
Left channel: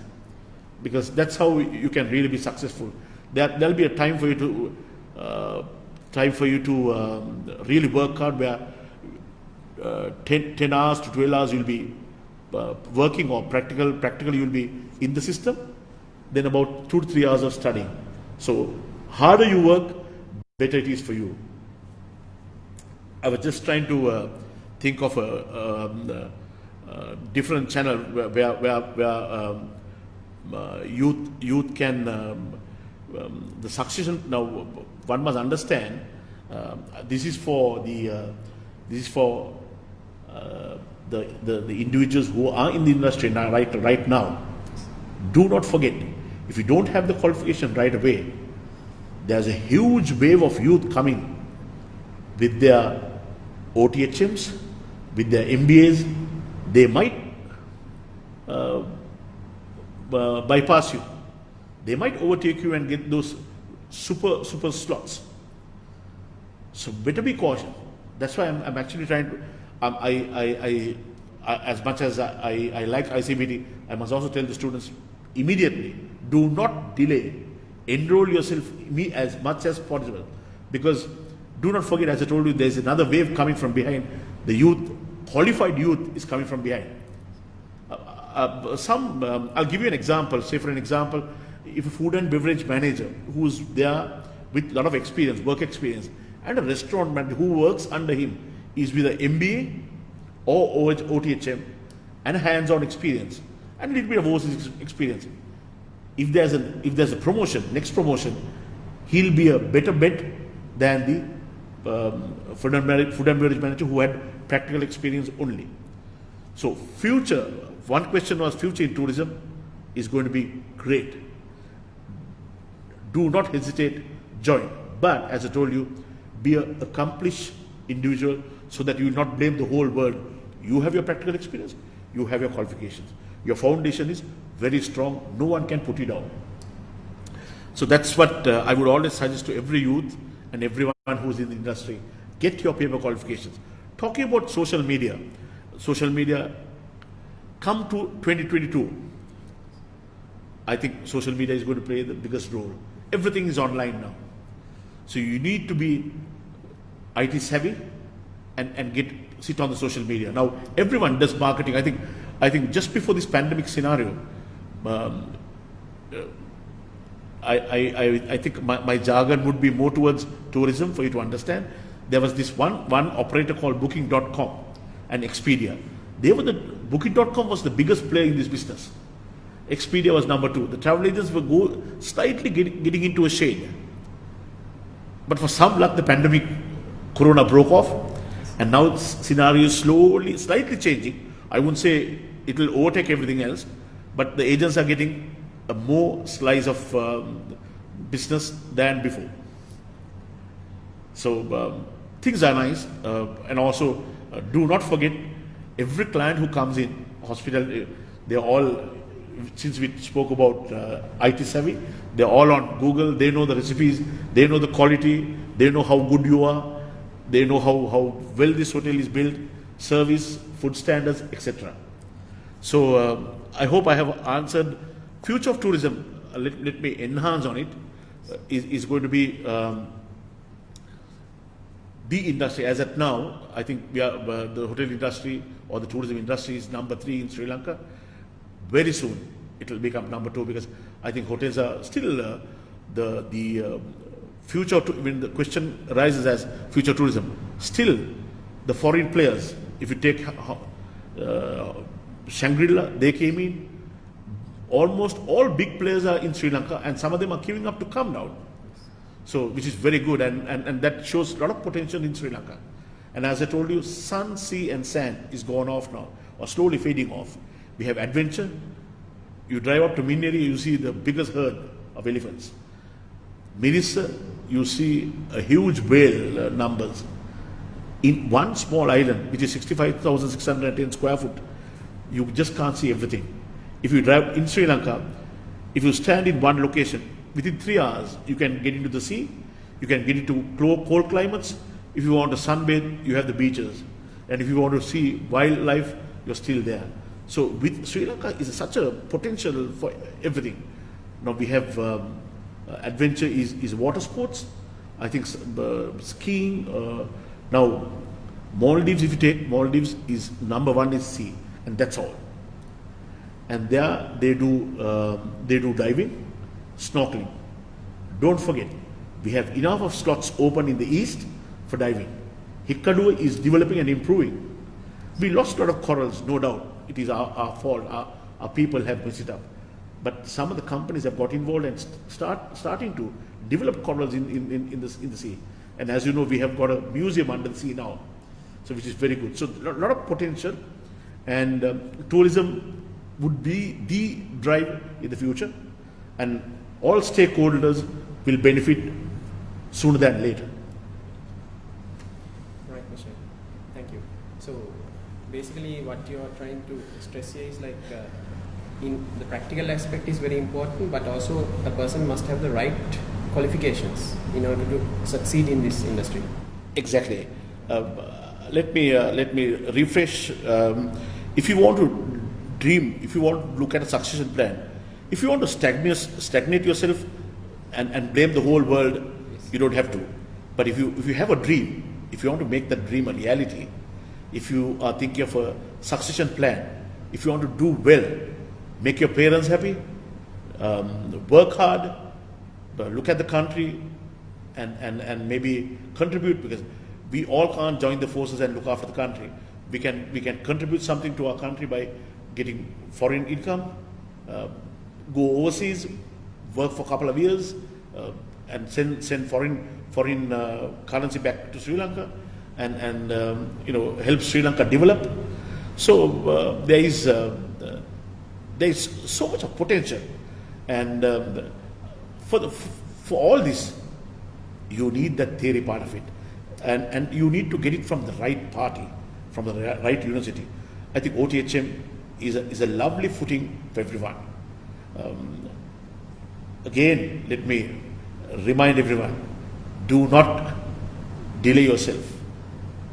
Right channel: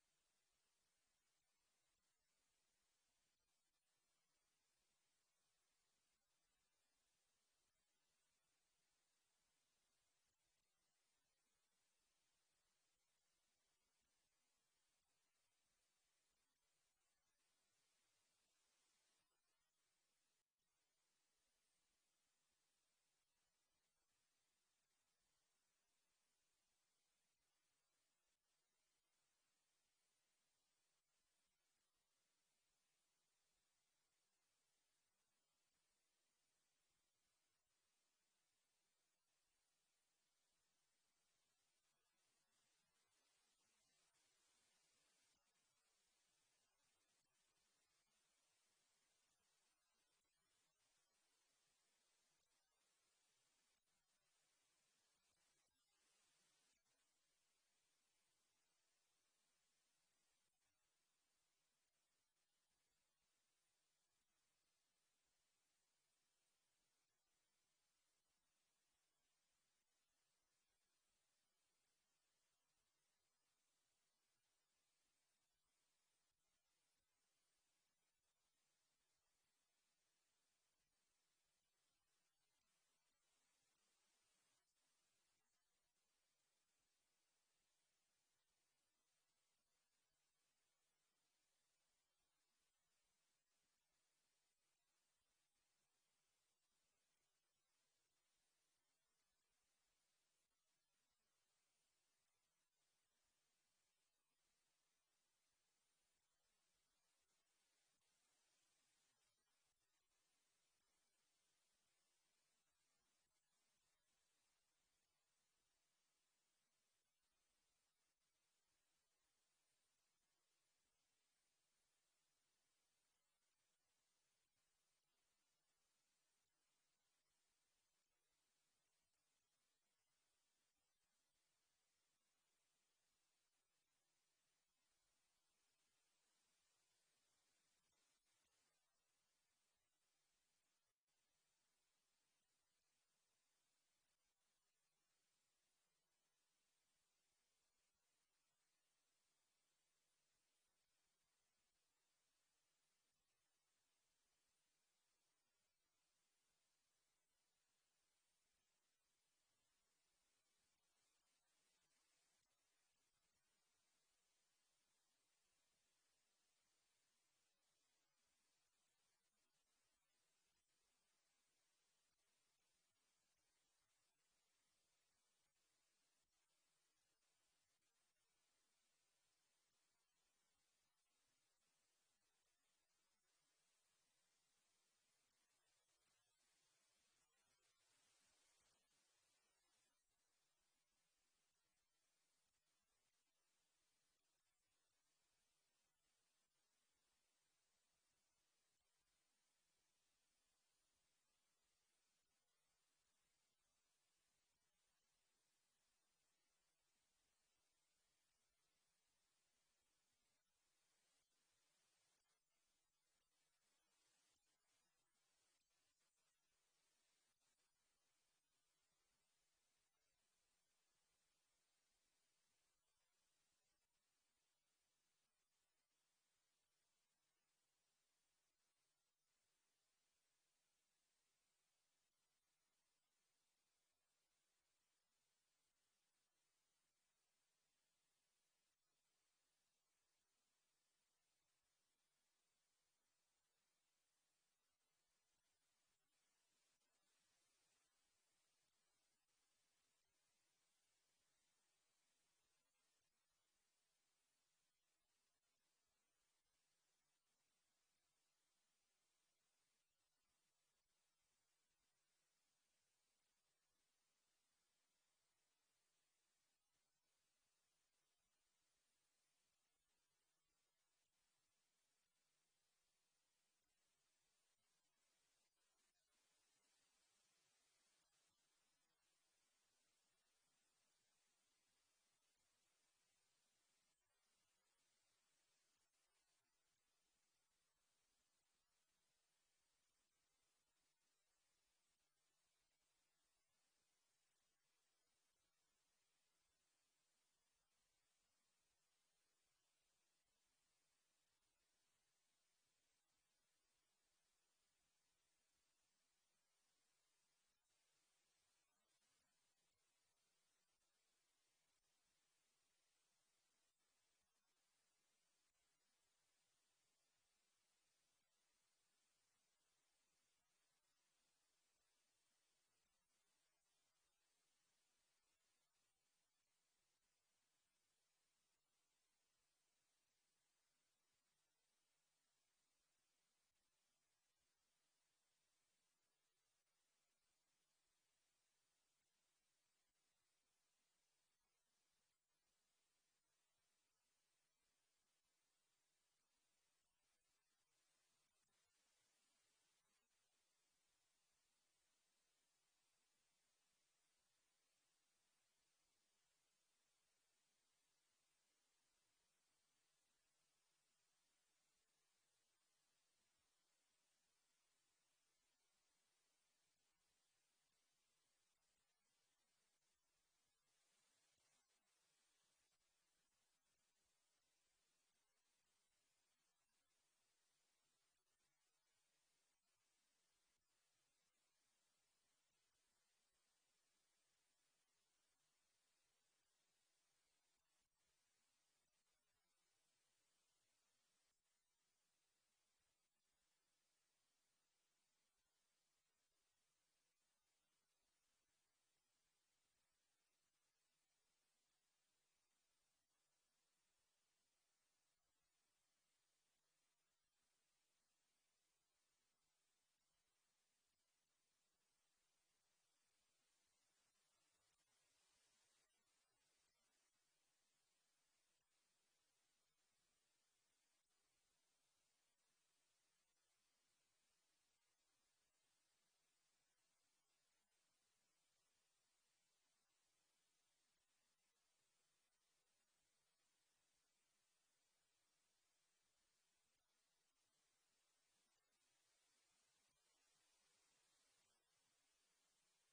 because that's how you can really be successful. There'll be a time for you to really work hard, where 10 hours to 12 hours you'll be working, or practically you'll be in the system, then about 2 to 3 hours of studying. So harder you work, better it is for you. I was just trying to think of a different channel where youth can the succession. Now one must understand, this is for the individuals who are in the industry now, right now. Do not forget, if you don't have the qualification right away, there's a huge wave of youth coming with their OTHMs, with their MBAs. They might bypass you. They might overtake you and get those super slots. So better be cautious. That's why I'm actually trying to. I as much as I like ICBT, I must also tell the students immediately: do not delay. Enroll yourself as much as possible, because do not forget, as I told you, there's another wave coming from behind. The youth, qualified youth, is coming from behind. I'll give you an example. Say, for an example, if a food and beverage manager who's there with a lot of experience, work experience, and a restaurant manager who works under him is with an MBA or OTHM and hands-on experience and a little bit of overseas experience, if there's a promotion, next promotion, he'll be a better bet than the food and beverage manager who had practical experience only. So future, one question was, future in tourism is going to be great. Do not hesitate, join. But as I told you, be an accomplished individual, so that you will not blame the whole world. You have your practical experience, you have your qualifications. Your foundation is very strong, no one can put you down. So that's what I would always suggest to every youth and everyone who's in the industry. Get your paper qualifications. Talking about social media, come to 2022. I think social media is going to play the biggest role. Everything is online now. So you need to be IT savvy and sit on the social media. Now everyone does marketing. I think just before this pandemic scenario, I think my jargon would be more towards tourism for you to understand. There was this one operator called Booking.com and Expedia. Booking.com was the biggest player in this business. Expedia was number 2. The travel agents were slightly getting into a shade. But for some luck, the pandemic, Corona broke off, and now the scenario is slightly changing. I wouldn't say it will overtake everything else, but the agents are getting a more slice of business than before. So things are nice, and also do not forget, every client who comes in hospital, they're all, since we spoke about IT savvy, they're all on Google. They know the recipes, they know the quality, they know how good you are, they know how well this hotel is built, service, food standards, etc. So I hope I have answered. Future of tourism, let me enhance on it, is going to be the industry. As at now, I think we are the hotel industry or the tourism industry is number 3 in Sri Lanka. Very soon it will become number 2, because I think hotels are still the future. When the question arises as future tourism, still the foreign players. If you take Shangri-La, they came in. Almost all big players are in Sri Lanka, and some of them are queuing up to come now. So, which is very good, and that shows a lot of potential in Sri Lanka. And as I told you, sun, sea and sand is gone off now, or slowly fading off. We have adventure. You drive up to Minneri, you see the biggest herd of elephants. Mirissa, you see a huge whale numbers. In one small island, which is 65,610 square foot, you just can't see everything. If you drive in Sri Lanka, if you stand in one location, within 3 hours, you can get into the sea, you can get into cold climates, If you want to sunbathe, you have the beaches. And if you want to see wildlife, you're still there. So with Sri Lanka is such a potential for everything. Now we have adventure is water sports. I think skiing. Now Maldives, if you take Maldives, is number one is sea, and that's all. And there they do diving, snorkeling. Don't forget, we have enough of slots open in the east for diving. Hikkadua is developing and improving. We lost a lot of corals, no doubt. It is our fault. Our people have messed it up. But some of the companies have got involved and starting to develop corals in the sea. And as you know, we have got a museum under the sea now, so which is very good. So a lot of potential, and tourism would be the drive in the future, and all stakeholders will benefit sooner than later. Right, Michelle. Thank you. So basically what you are trying to stress here is like in the practical aspect is very important, but also a person must have the right qualifications in order to succeed in this industry. Exactly. Let me refresh. If you want to dream, if you want to look at a succession plan, if you want to stagnate yourself and blame the whole world, yes, you don't have to. But if you have a dream, if you want to make that dream a reality, if you are thinking of a succession plan, if you want to do well, make your parents happy, work hard, look at the country, and maybe contribute, because we all can't join the forces and look after the country. We can contribute something to our country by getting foreign income, go overseas, work for a couple of years, and send foreign currency back to Sri Lanka, and help Sri Lanka develop. So there is so much of potential, and for all this, you need that theory part of it, and you need to get it from the right party, from the right university. I think OTHM is a lovely footing for everyone. Again, let me remind everyone: do not delay yourself.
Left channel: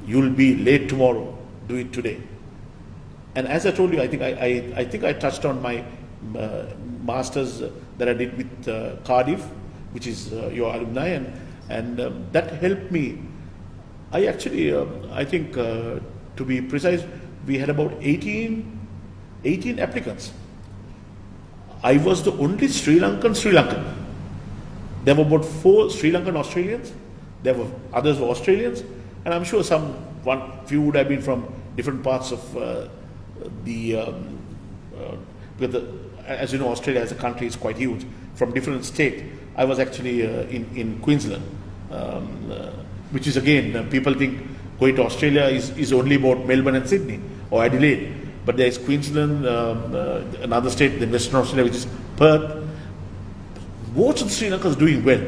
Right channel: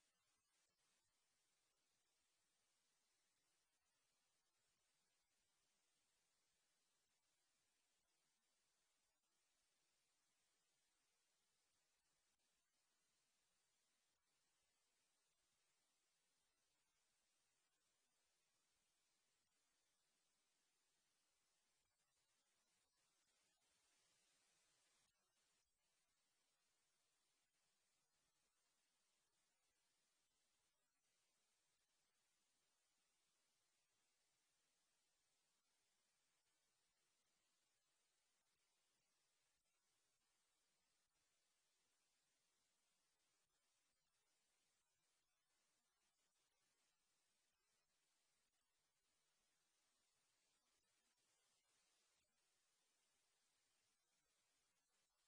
You'll be late tomorrow. Do it today. And as I told you, I think I touched on my masters that I did with Cardiff, which is your alumni, and that helped me. I actually, I think, to be precise, we had about 18 applicants. I was the only Sri Lankan. There were about 4 Sri Lankan Australians. There were others were Australians, and I'm sure few would have been from different parts of because as you know, Australia as a country is quite huge, from different states. I was actually in Queensland, which is again, people think going to Australia is only about Melbourne and Sydney or Adelaide, but there is Queensland, another state in Western Australia, which is Perth. Most of the Sri Lankans doing well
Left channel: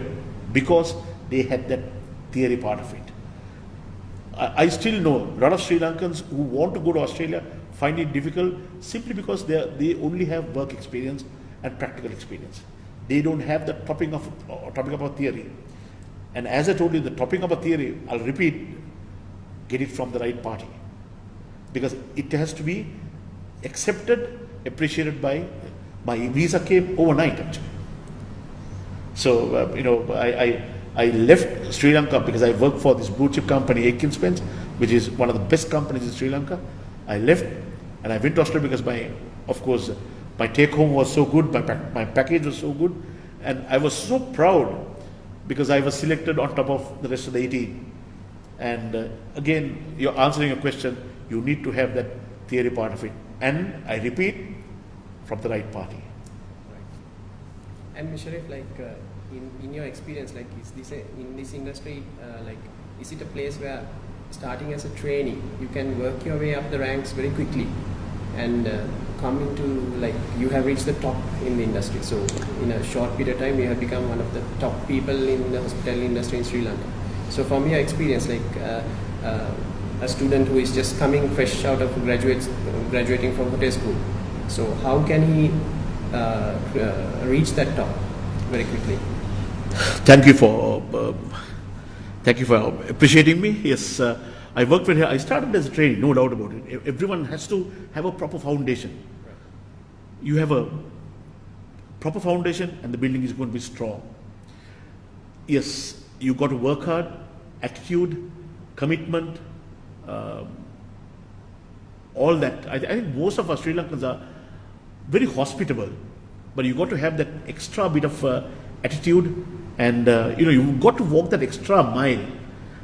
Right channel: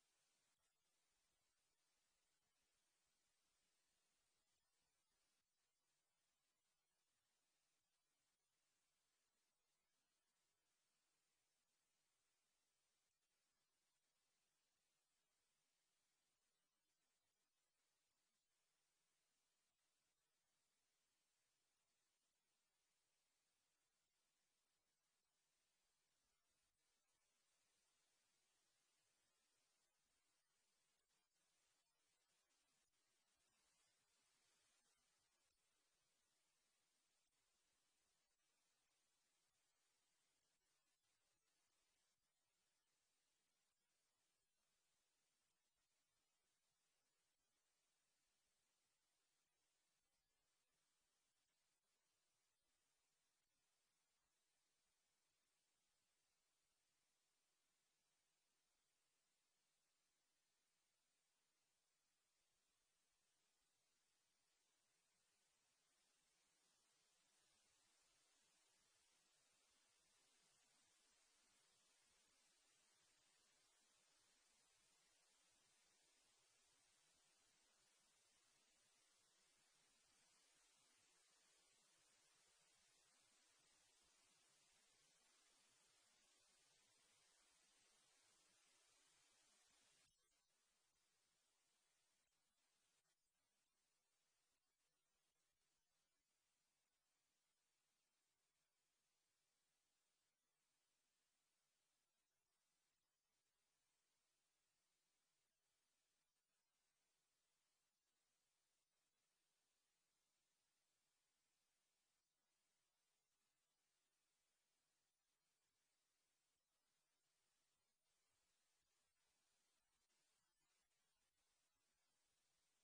because they had that theory part of it. I still know a lot of Sri Lankans who want to go to Australia find it difficult simply because they only have work experience and practical experience. They don't have the topping of a theory. And as I told you, the topping of a theory, I'll repeat, get it from the right party, because it has to be accepted, appreciated by. My visa came overnight actually. So I left Sri Lanka because I worked for this blue chip company, Aiken Spence, which is one of the best companies in Sri Lanka. I left and I went to Australia because my take home was so good, my package was so good, and I was so proud because I was selected on top of the rest of the 18. And again, you're answering your question, you need to have that theory part of it. And I repeat, from the right party. Right. And Sharif, like in your experience, like in this industry, like is it a place where starting as a trainee, you can work your way up the ranks very quickly and come into, like, you have reached the top in the industry. So in a short period of time, you have become one of the top people in the hospitality industry in Sri Lanka. So from your experience, like a student who is just coming fresh out of graduating from hotel school, so how can he reach that top very quickly? Thank you for Thank you for appreciating me. Yes, I worked with her. I started as a trainee, no doubt about it. Everyone has to have a proper foundation. You have a proper foundation and the building is going to be strong. Yes, you got to work hard, attitude, commitment, all that. I think most of our Sri Lankans are very hospitable, but you got to have that extra bit of attitude, and you've got to walk that extra mile.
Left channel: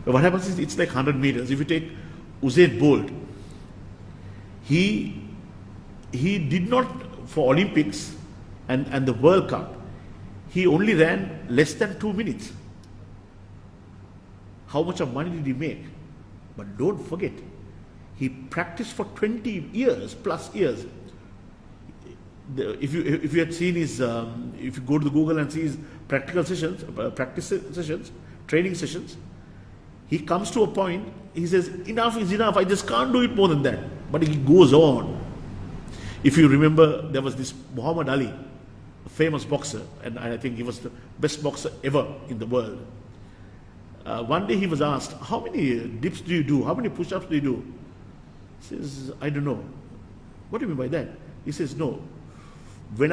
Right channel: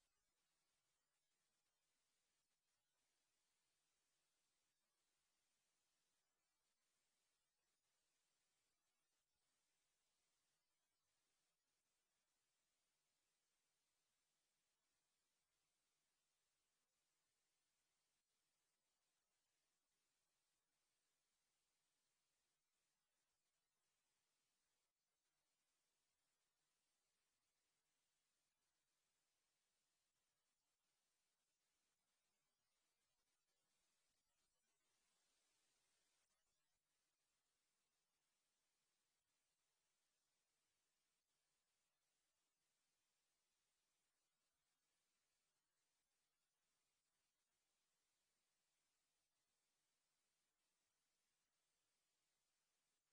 But what happens is it's like 100 meters. If you take Usain Bolt, he did not, for Olympics and the World Cup, he only ran less than 2 minutes. How much of money did he make? But don't forget, he practiced for 20 years, plus years. If you had seen his, if you go to the Google and see his practical sessions, practice sessions, training sessions, he comes to a point, he says, enough is enough, I just can't do it more than that. But he goes on. If you remember, there was this Muhammad Ali, a famous boxer, and I think he was the best boxer ever in the world. One day he was asked, how many dips do you do? How many push-ups do you do? He says, I don't know. What do you mean by that? He says, no. When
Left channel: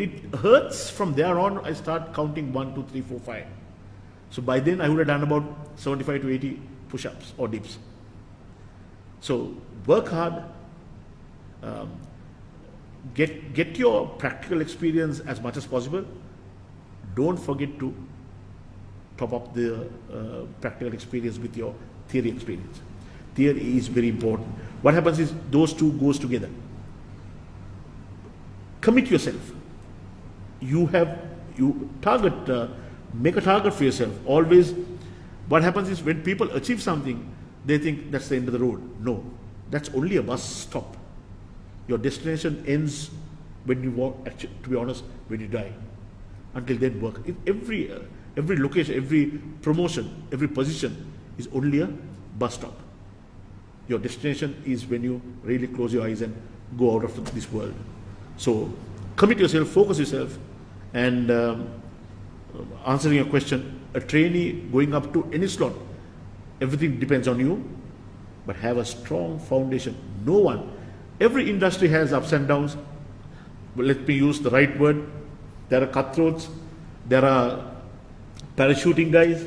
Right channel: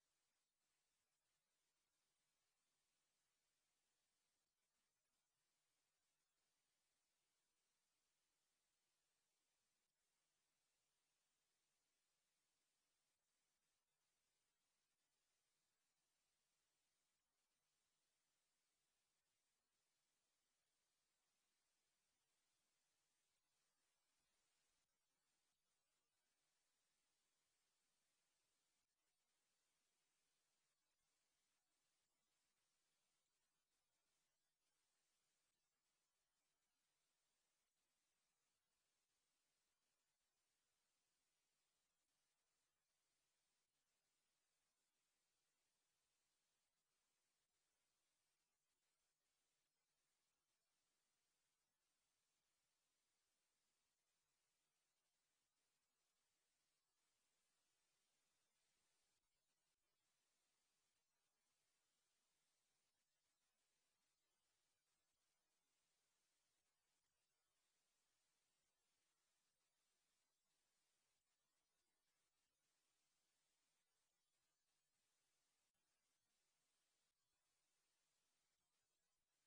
it hurts, from there on, I start counting 1, 2, 3, 4, 5. So by then I would have done about 75 to 80 push-ups or dips. So work hard, get your practical experience as much as possible. Don't forget to top up the practical experience with your theory experience. Theory is very important. What happens is those two goes together. Commit yourself. Make a target for yourself. Always, what happens is when people achieve something, they think that's the end of the road. No, that's only a bus stop. Your destination ends when you walk, actually, to be honest, when you die. Until then, work. Every location, every promotion, every position is only a bus stop. Your destination is when you really close your eyes and go out of this world. So commit yourself, focus yourself, and answering your question, a trainee going up to any slot, everything depends on you, but have a strong foundation. No one, every industry has ups and downs, but let me use the right word. There are cutthroats, there are parachuting guys,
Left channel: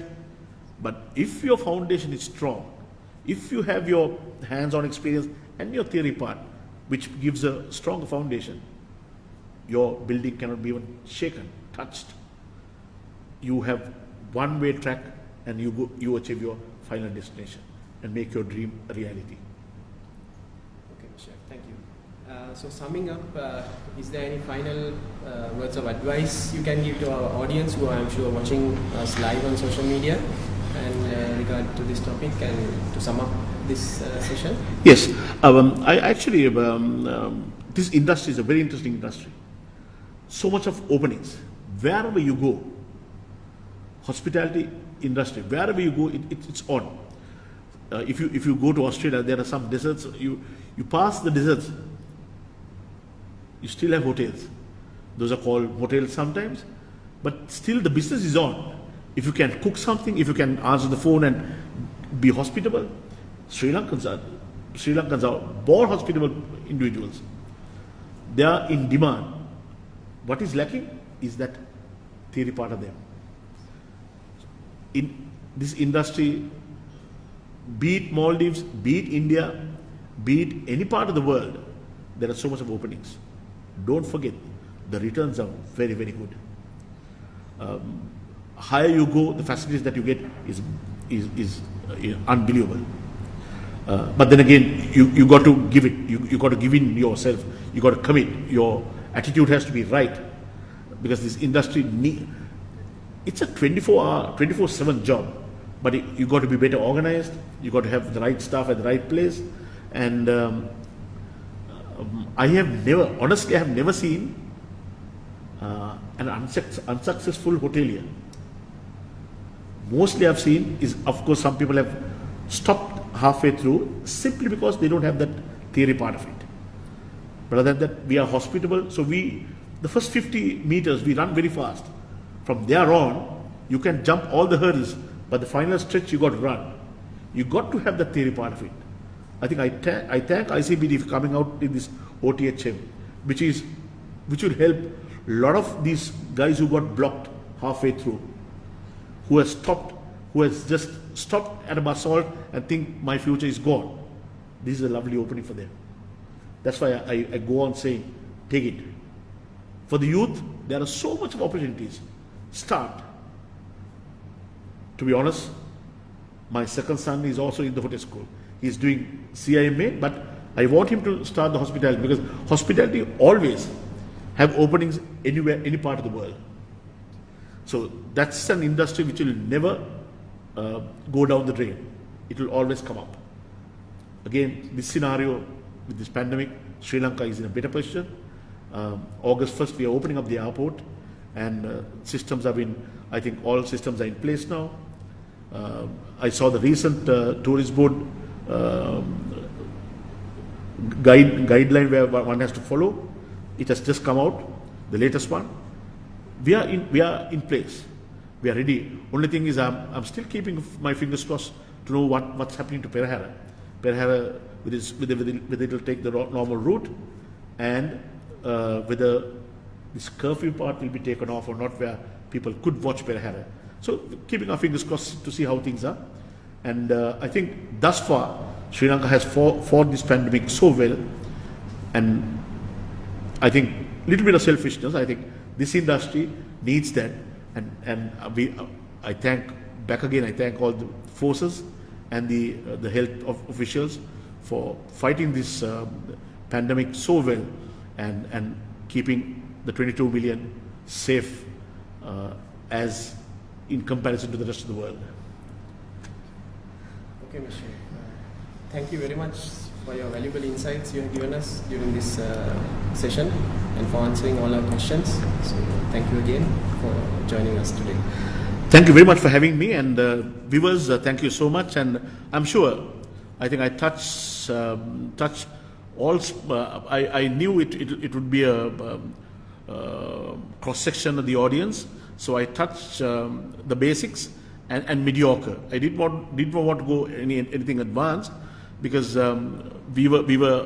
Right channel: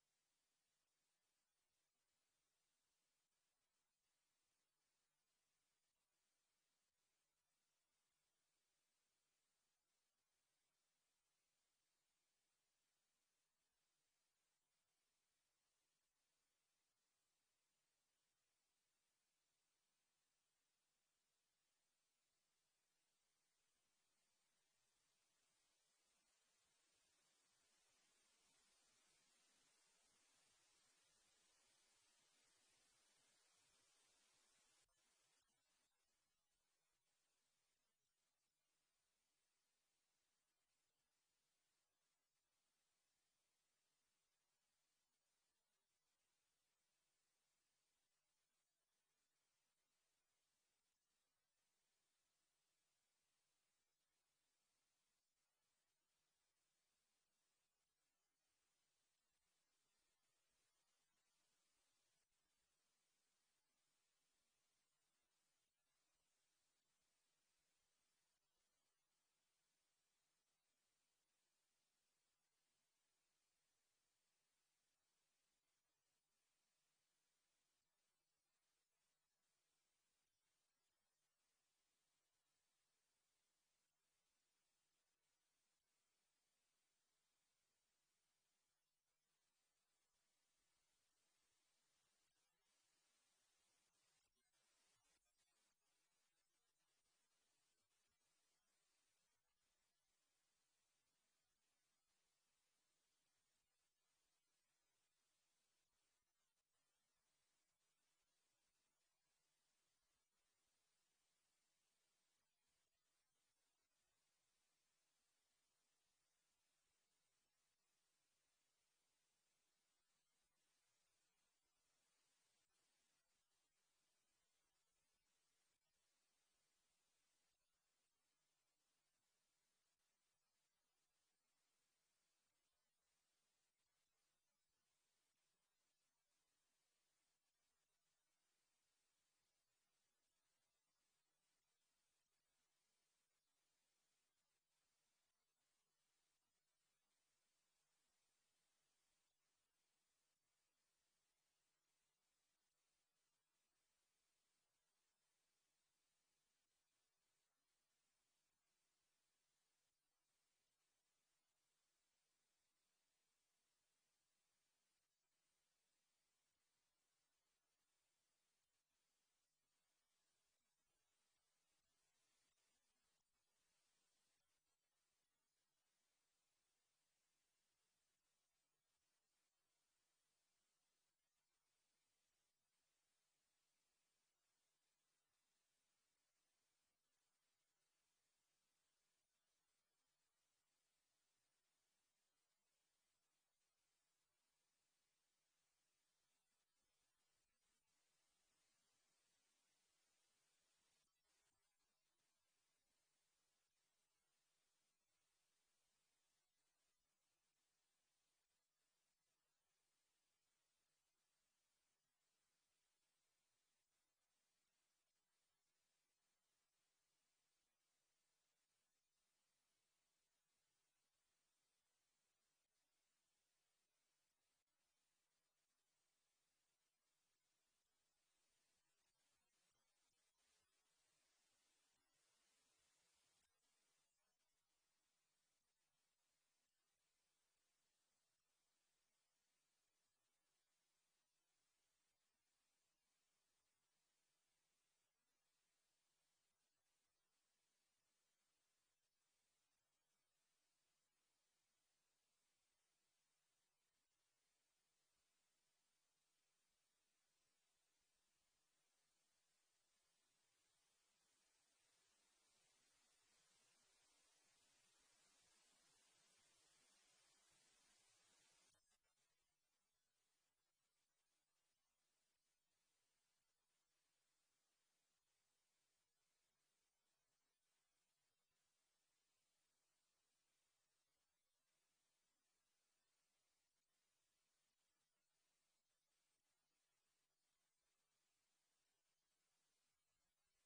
but if your foundation is strong, if you have your hands-on experience and your theory part, which gives a stronger foundation, your building cannot be even shaken, touched. You have one-way track, and you achieve your final destination and make your dream a reality. Okay, Chef, thank you. So summing up, is there any final words of advice you can give to our audience who I'm sure are watching us live on social media and regard to this topic, and to sum up this session? Yes, I actually, this industry is a very interesting industry. So much of openings. Wherever you go, hospitality industry, wherever you go, it's on. If you go to Australia, there are some deserts. You pass the deserts, you still have hotels. Those are called hotels sometimes, but still the business is on. If you can cook something, if you can answer the phone and be hospitable, Sri Lankans are born hospitable individuals. They are in demand. What is lacking is that theory part of them. In this industry, be it Maldives, be it India, be it any part of the world, there are so much of openings. Don't forget, the returns are very, very good. Higher you go, the facilities that you get is unbelievable. But then again, you got to give it. You got to give in yourself. You got to commit. Your attitude has to be right, because this industry it's a 24/7 job. But you got to be better organized. You got to have the right staff at the right place. And I have never seen an unsuccessful hotelier. Mostly I've seen is, of course, some people have stopped halfway through simply because they don't have that theory part of it. But other than that, we are hospitable. So the first 50 meters, we run very fast. From there on, you can jump all the hurdles, but the final stretch you got to run. You got to have the theory part of it. I think I thank ICBT for coming out in this OTHM, which will help a lot of these guys who got blocked halfway through, who has just stopped at a basalt and think my future is gone. This is a lovely opening for them. That's why I go on saying, take it. For the youth, there are so much of opportunities. Start. To be honest, my second son is also in the hotel school. He's doing CIMA, but I want him to start the hospitality, because hospitality always have openings anywhere, any part of the world. So that's an industry which will never go down the drain. It will always come up. Again, this scenario with this pandemic, Sri Lanka is in a better position. August 1st, we are opening up the airport, and systems have been, I think all systems are in place now. I saw the recent tourist board guideline where one has to follow. It has just come out, the latest one. We are in place. We are ready. Only thing is, I'm still keeping my fingers crossed to know what's happening to Perahara. Perahara, whether it will take the normal route, and whether this curfew part will be taken off or not, where people could watch Perahara. So keeping our fingers crossed to see how things are. And I think thus far, Sri Lanka has fought this pandemic so well. And I think a little bit of selfishness, I think this industry needs that. And I thank all the forces and the health officials for fighting this pandemic so well, and keeping the 22 million safe as in comparison to the rest of the world. Okay, Mr. Thank you very much for your valuable insights you have given us during this session, and for answering all our questions. So thank you again for joining us today. Thank you very much for having me, and viewers, thank you so much. And I'm sure, I think I touched all. I knew it would be a cross section of the audience, so I touched the basics and mediocre. I didn't want to go anything advanced, because we were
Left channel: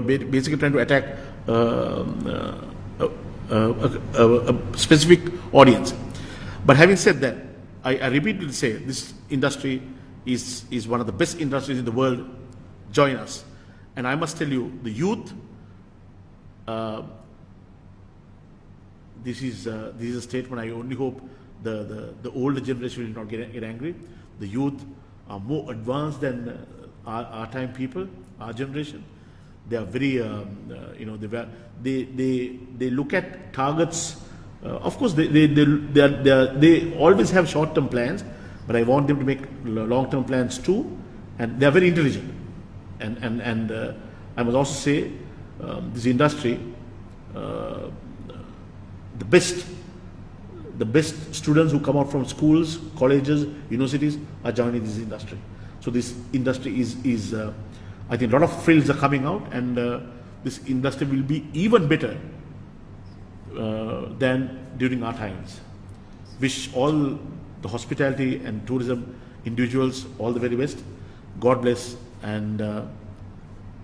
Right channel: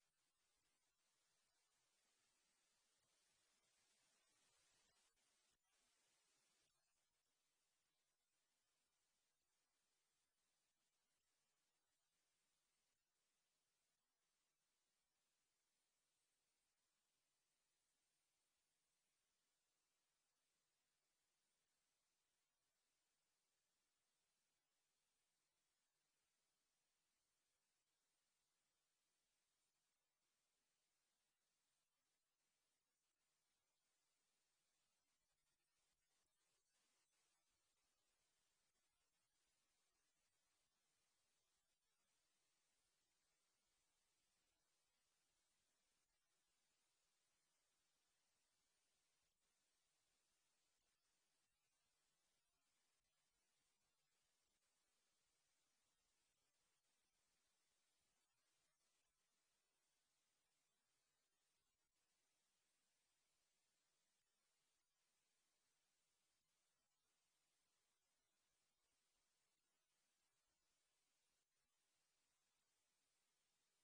basically trying to attack a specific audience. But having said that, I repeatedly say this industry is one of the best industries in the world. Join us. And I must tell you, the youth, this is a statement. I only hope the older generation will not get angry. The youth are more advanced than our time people, our generation. They are very, they look at targets. Of course, they always have short-term plans, but I want them to make long-term plans too. And they are very intelligent. And I must also say, this industry, the best students who come out from schools, colleges, universities are joining this industry. So this industry is I think a lot of frills are coming out, and this industry will be even better than during our times. Wish all the hospitality and tourism individuals all the very best. God bless, and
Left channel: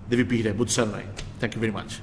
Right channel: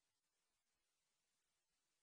Devi Pihire Budsaranai. Thank you very much.